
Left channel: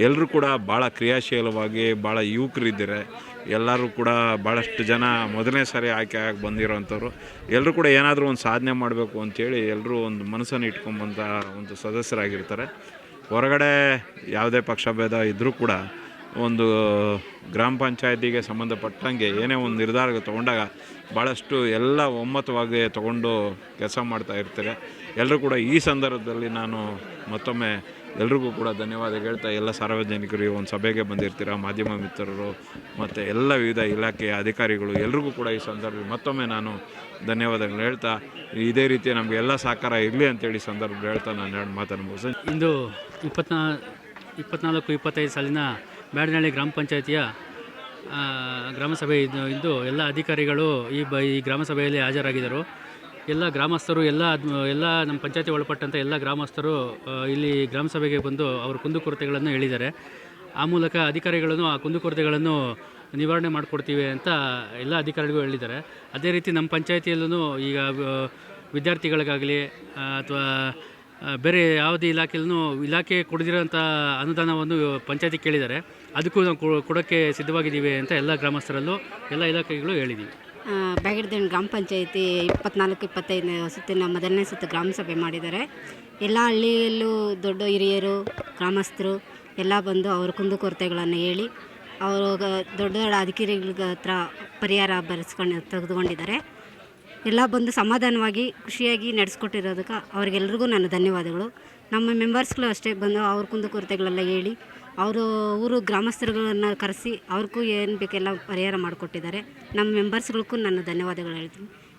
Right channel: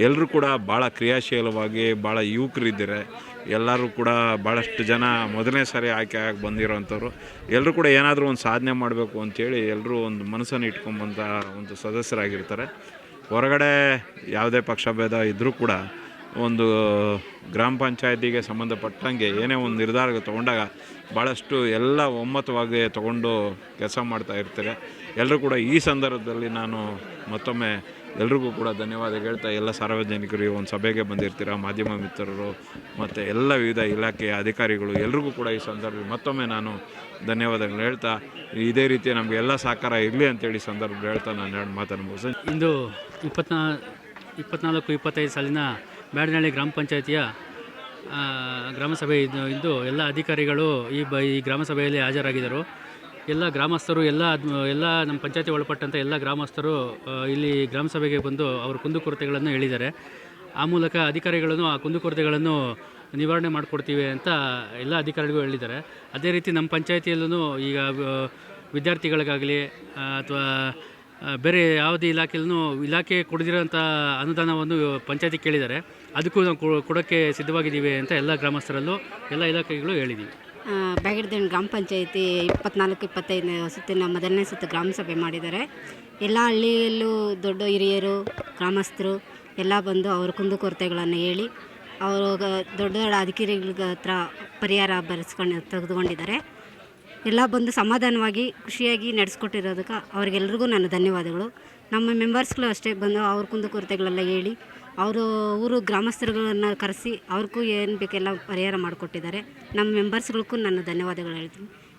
ಎಲ್ಲರೂ ಕೂಡ ಭಾಳ ಕ್ರಿಯಾಶೀಲವಾಗಿ ಭಾಳ ಯುವಕರಿದ್ದಾರೆ. ಎಲ್ಲರೂ ಕೂಡ ಭಾಳಷ್ಟು ಜನ ಮೊದಲನೇ ಸಾರಿ ಆಯ್ಕೆ ಆಗಿ ಬಂದಿರೋವಂಥವ್ರು ಎಲ್ಲರೂ ಕೂಡ ಏನಾದರೂ ಒಂದು ಸಾಧನೆ ಮಾಡಬೇಕು ಅಂಥೇಳಿ ಎಲ್ಲರೂ ಒಂದು ಮನಸ್ಸನ್ನು ಇಟ್ಕೊಂಬಂಥ ಒಂದು ಸದಸ್ಯರಾಗಿರ್ತಾರೆ. ಹೊರಗಡೆ ಯಾವುದೇ ಪಕ್ಷಭೇದ ಇದ್ದರೂ ಕೂಡ ಒಂದು ಗ್ರಾಮ ಪಂಚಾಯತಿಗೆ ಸಂಬಂಧಪಟ್ಟಂಗೆ ಏನೇ ಒಂದು ನಿರ್ಧಾರ ತೊಗೊಂಡಾಗ ಭಾಳಷ್ಟು ಎಲ್ಲ ಒಮ್ಮತವಾಗಿ ತಗೊಂಡು ಕೆಲಸ ಮಾಡ್ತಾ ಇರ್ತಾರೆ. ಎಲ್ಲರೂ ಕೂಡ ಈ ಸಂದರ್ಭದಲ್ಲಿ ನಾನು ಮತ್ತೊಮ್ಮೆ ಎಲ್ರಿಗೂ ಕೂಡ ಧನ್ಯವಾದ ಹೇಳ್ತಾ ಎಲ್ಲ ಸಾರ್ವಜನಿಕರು ಈ ಒಂದು ಸಭೆಗೆ ಬಂದಿರ್ತೀರ, ಮಾಧ್ಯಮ ಮಿತ್ರರು ಮತ್ತು ಎಲ್ಲ ವಿವಿಧ ಇಲಾಖೆಯ ಅಧಿಕಾರಿಗಳು ಎಲ್ರಿಗೂ ಕೂಡ ಈ ಸಂದರ್ಭದಲ್ಲಿ ಮತ್ತೊಮ್ಮೆ ನಾನು ಧನ್ಯವಾದಗಳು ಹೇಳ್ತಾ, ಇದೇ ರೀತಿ ನಮಗೆ ಎಲ್ಲ ಸಹಕಾರ ಇರಲಿ ಅಂತೇಳಿ ಈ ಸಂದರ್ಭದಲ್ಲಿ ಹೇಳ್ತಾ ನಾನು ಎರಡು ಮಾತನ್ನು ಮುಗಿಸ್ ಇಂದು ಇಪ್ಪತ್ನಾ, ಇಪ್ಪತ್ನಾಲ್ಕು, ಇಪ್ಪತ್ತೈದು ಸಾಲಿನ ಬ್ಯಾಡನಹಳ್ಳಿ ಗ್ರಾಮ ಪಂಚಾಯಿತಿಯ ಗ್ರಾಮಸಭೆ ಗ್ರಾಮ ಸಭೆ ಇದು ಎಲ್ಲ ಅಧಿಕಾರಿಗಳು ಈ ಬ ಈ ಗ್ರಾಮ ಸಭೆಯಲ್ಲಿ ಹಾಜರಾಗಿದ್ದರು. ಎಲ್ಲ ಗ್ರಾಮಸ್ಥರು, ಎಲ್ಲ ಎಲ್ಲ ನಮ್ಮ ಪಂಚಾಯತಿ ಒಳಪಟ್ಟಂಥ ಎಲ್ಲ ಗ್ರಾಮಸ್ಥರು ಇಲ್ಲಿ ಗ್ರಾಮ ಸಭೆಗೆ ಬಂದು ಅವ್ರ ಕುಂದುಕೊರತೆಗಳನ್ನು ಹೇಳಿದ್ದಾರೆ. ಆ ಮೂಲಕ ಅಧಿಕಾರಿಗಳನ್ನು, ಆ ಕುಂದುಕೊರತೆಗಳನ್ನು ನಿವಾರಣೆ ಮಾಡಿಕೊಡ್ತೀವಿ ಅಂತ ಎಲ್ಲ ಅಧಿಕಾರಿಗಳು ಹೇಳಿದ್ದಾರೆ. ಅದೇ ರೀತಿ ನಮ್ಮ ಪಂಚಾಯತಿಯಲ್ಲೂ ಈಗ ವಿದ್ಯಾರ್ಥಿಗಳಿಗಾಗಲಿ ಅಥವಾ ಬೇರೆ ಯಾವುದೇ ಇಲಾಖೆಯಲ್ಲೂ ಇಲಾಖೆ ಕೊಡದಿರೋಂಥ ಅನುದಾನವನ್ನು ಪಂಚಾಯತಿ ಕೇಳಿದ್ದಾರೆ. ಅದಕ್ಕೂ ನಾವು ಕೊಡೋಕ್ಕೆ ಸಿದ್ಧವಾಗಿದ್ದೀವಿ ಅಂತ ಎಲ್ಲ ಗ್ರಾಮಸ್ಥರಲ್ಲೂ ಎಲ್ಲ ಇಲಾಖೆಗಳು ಹೇಳಿದ್ದೀವಿ. ಬ್ಯಾಗಡ್ದೇಣ್ ಗ್ರಾಮ ಪಂಚಾಯಿತಿ ಇಪ್ಪತ್ನಾಲ್ಕು, ಇಪ್ಪತ್ತೈದನೇ ಸುತ್ತಿನ ಮೊದಲನೇ ಸುತ್ತು ಗ್ರಾಮ ಸಭೆ ಮಾಡಿದ್ದಾರೆ. ಎಲ್ಲ ಹಳ್ಳಿಯಲ್ಲೂ ದೊಡ್ಡ ಹಿರಿಯರು, ಗ್ರಾಮಸ್ಥರು ಎಲ್ಲ ಬಂದು ಅವ್ರ ಕುಂದುಕೊರತೆಗಳನ್ನು ಹೇಳಿ ಅವರು ದೊಡ್ಡ ದೊಡ್ಡ ಅಧಿಕಾರಿಗಳ ಹತ್ರ ಪರಿಹಾರ ಬರೆಸ್ಕೊಂಡು ತೆಗೆದುಕೊಂಡಿದ್ದಾರೆ. ಎಲ್ಲ ಬಂದು ಸಮಾಧಾನವಾಗಿ, ಖುಷಿಯಾಗಿ ನಡೆಸ್ಕೊಟ್ಟಿರೋದಕ್ಕೆ ಅವ್ರಿಗೆಲ್ರಿಗೂ ನನ್ನ ಧನ್ಯವಾದಗಳು. ನಮ್ಮ ಮೆಂಬರ್ಸ್ಗಳು ಅಷ್ಟೇ ಬಂದು ಅವ್ರ ಕುಂದುಕೊರತೆಗಳೆಲ್ಲ ಹೇಳಿ ಅವರು ಊರು ಗ್ರಾಮಸ್ಥರುಗಳನ್ನು ಕರೆಸಿ ಅವ್ರಿಗೂ ಏನು ಬೇಕೆಲ್ಲ ಪರಿಹಾರ ಮಾಡಿಕೊಟ್ಟಿದ್ದಾರೆ. ನಮ್ಮ ಮೆಂಬರ್ಸ್ಗಳಿಗೂ ನನ್ನ ಧನ್ಯವಾದಗಳು ಹೇಳ್ತೀನಿ.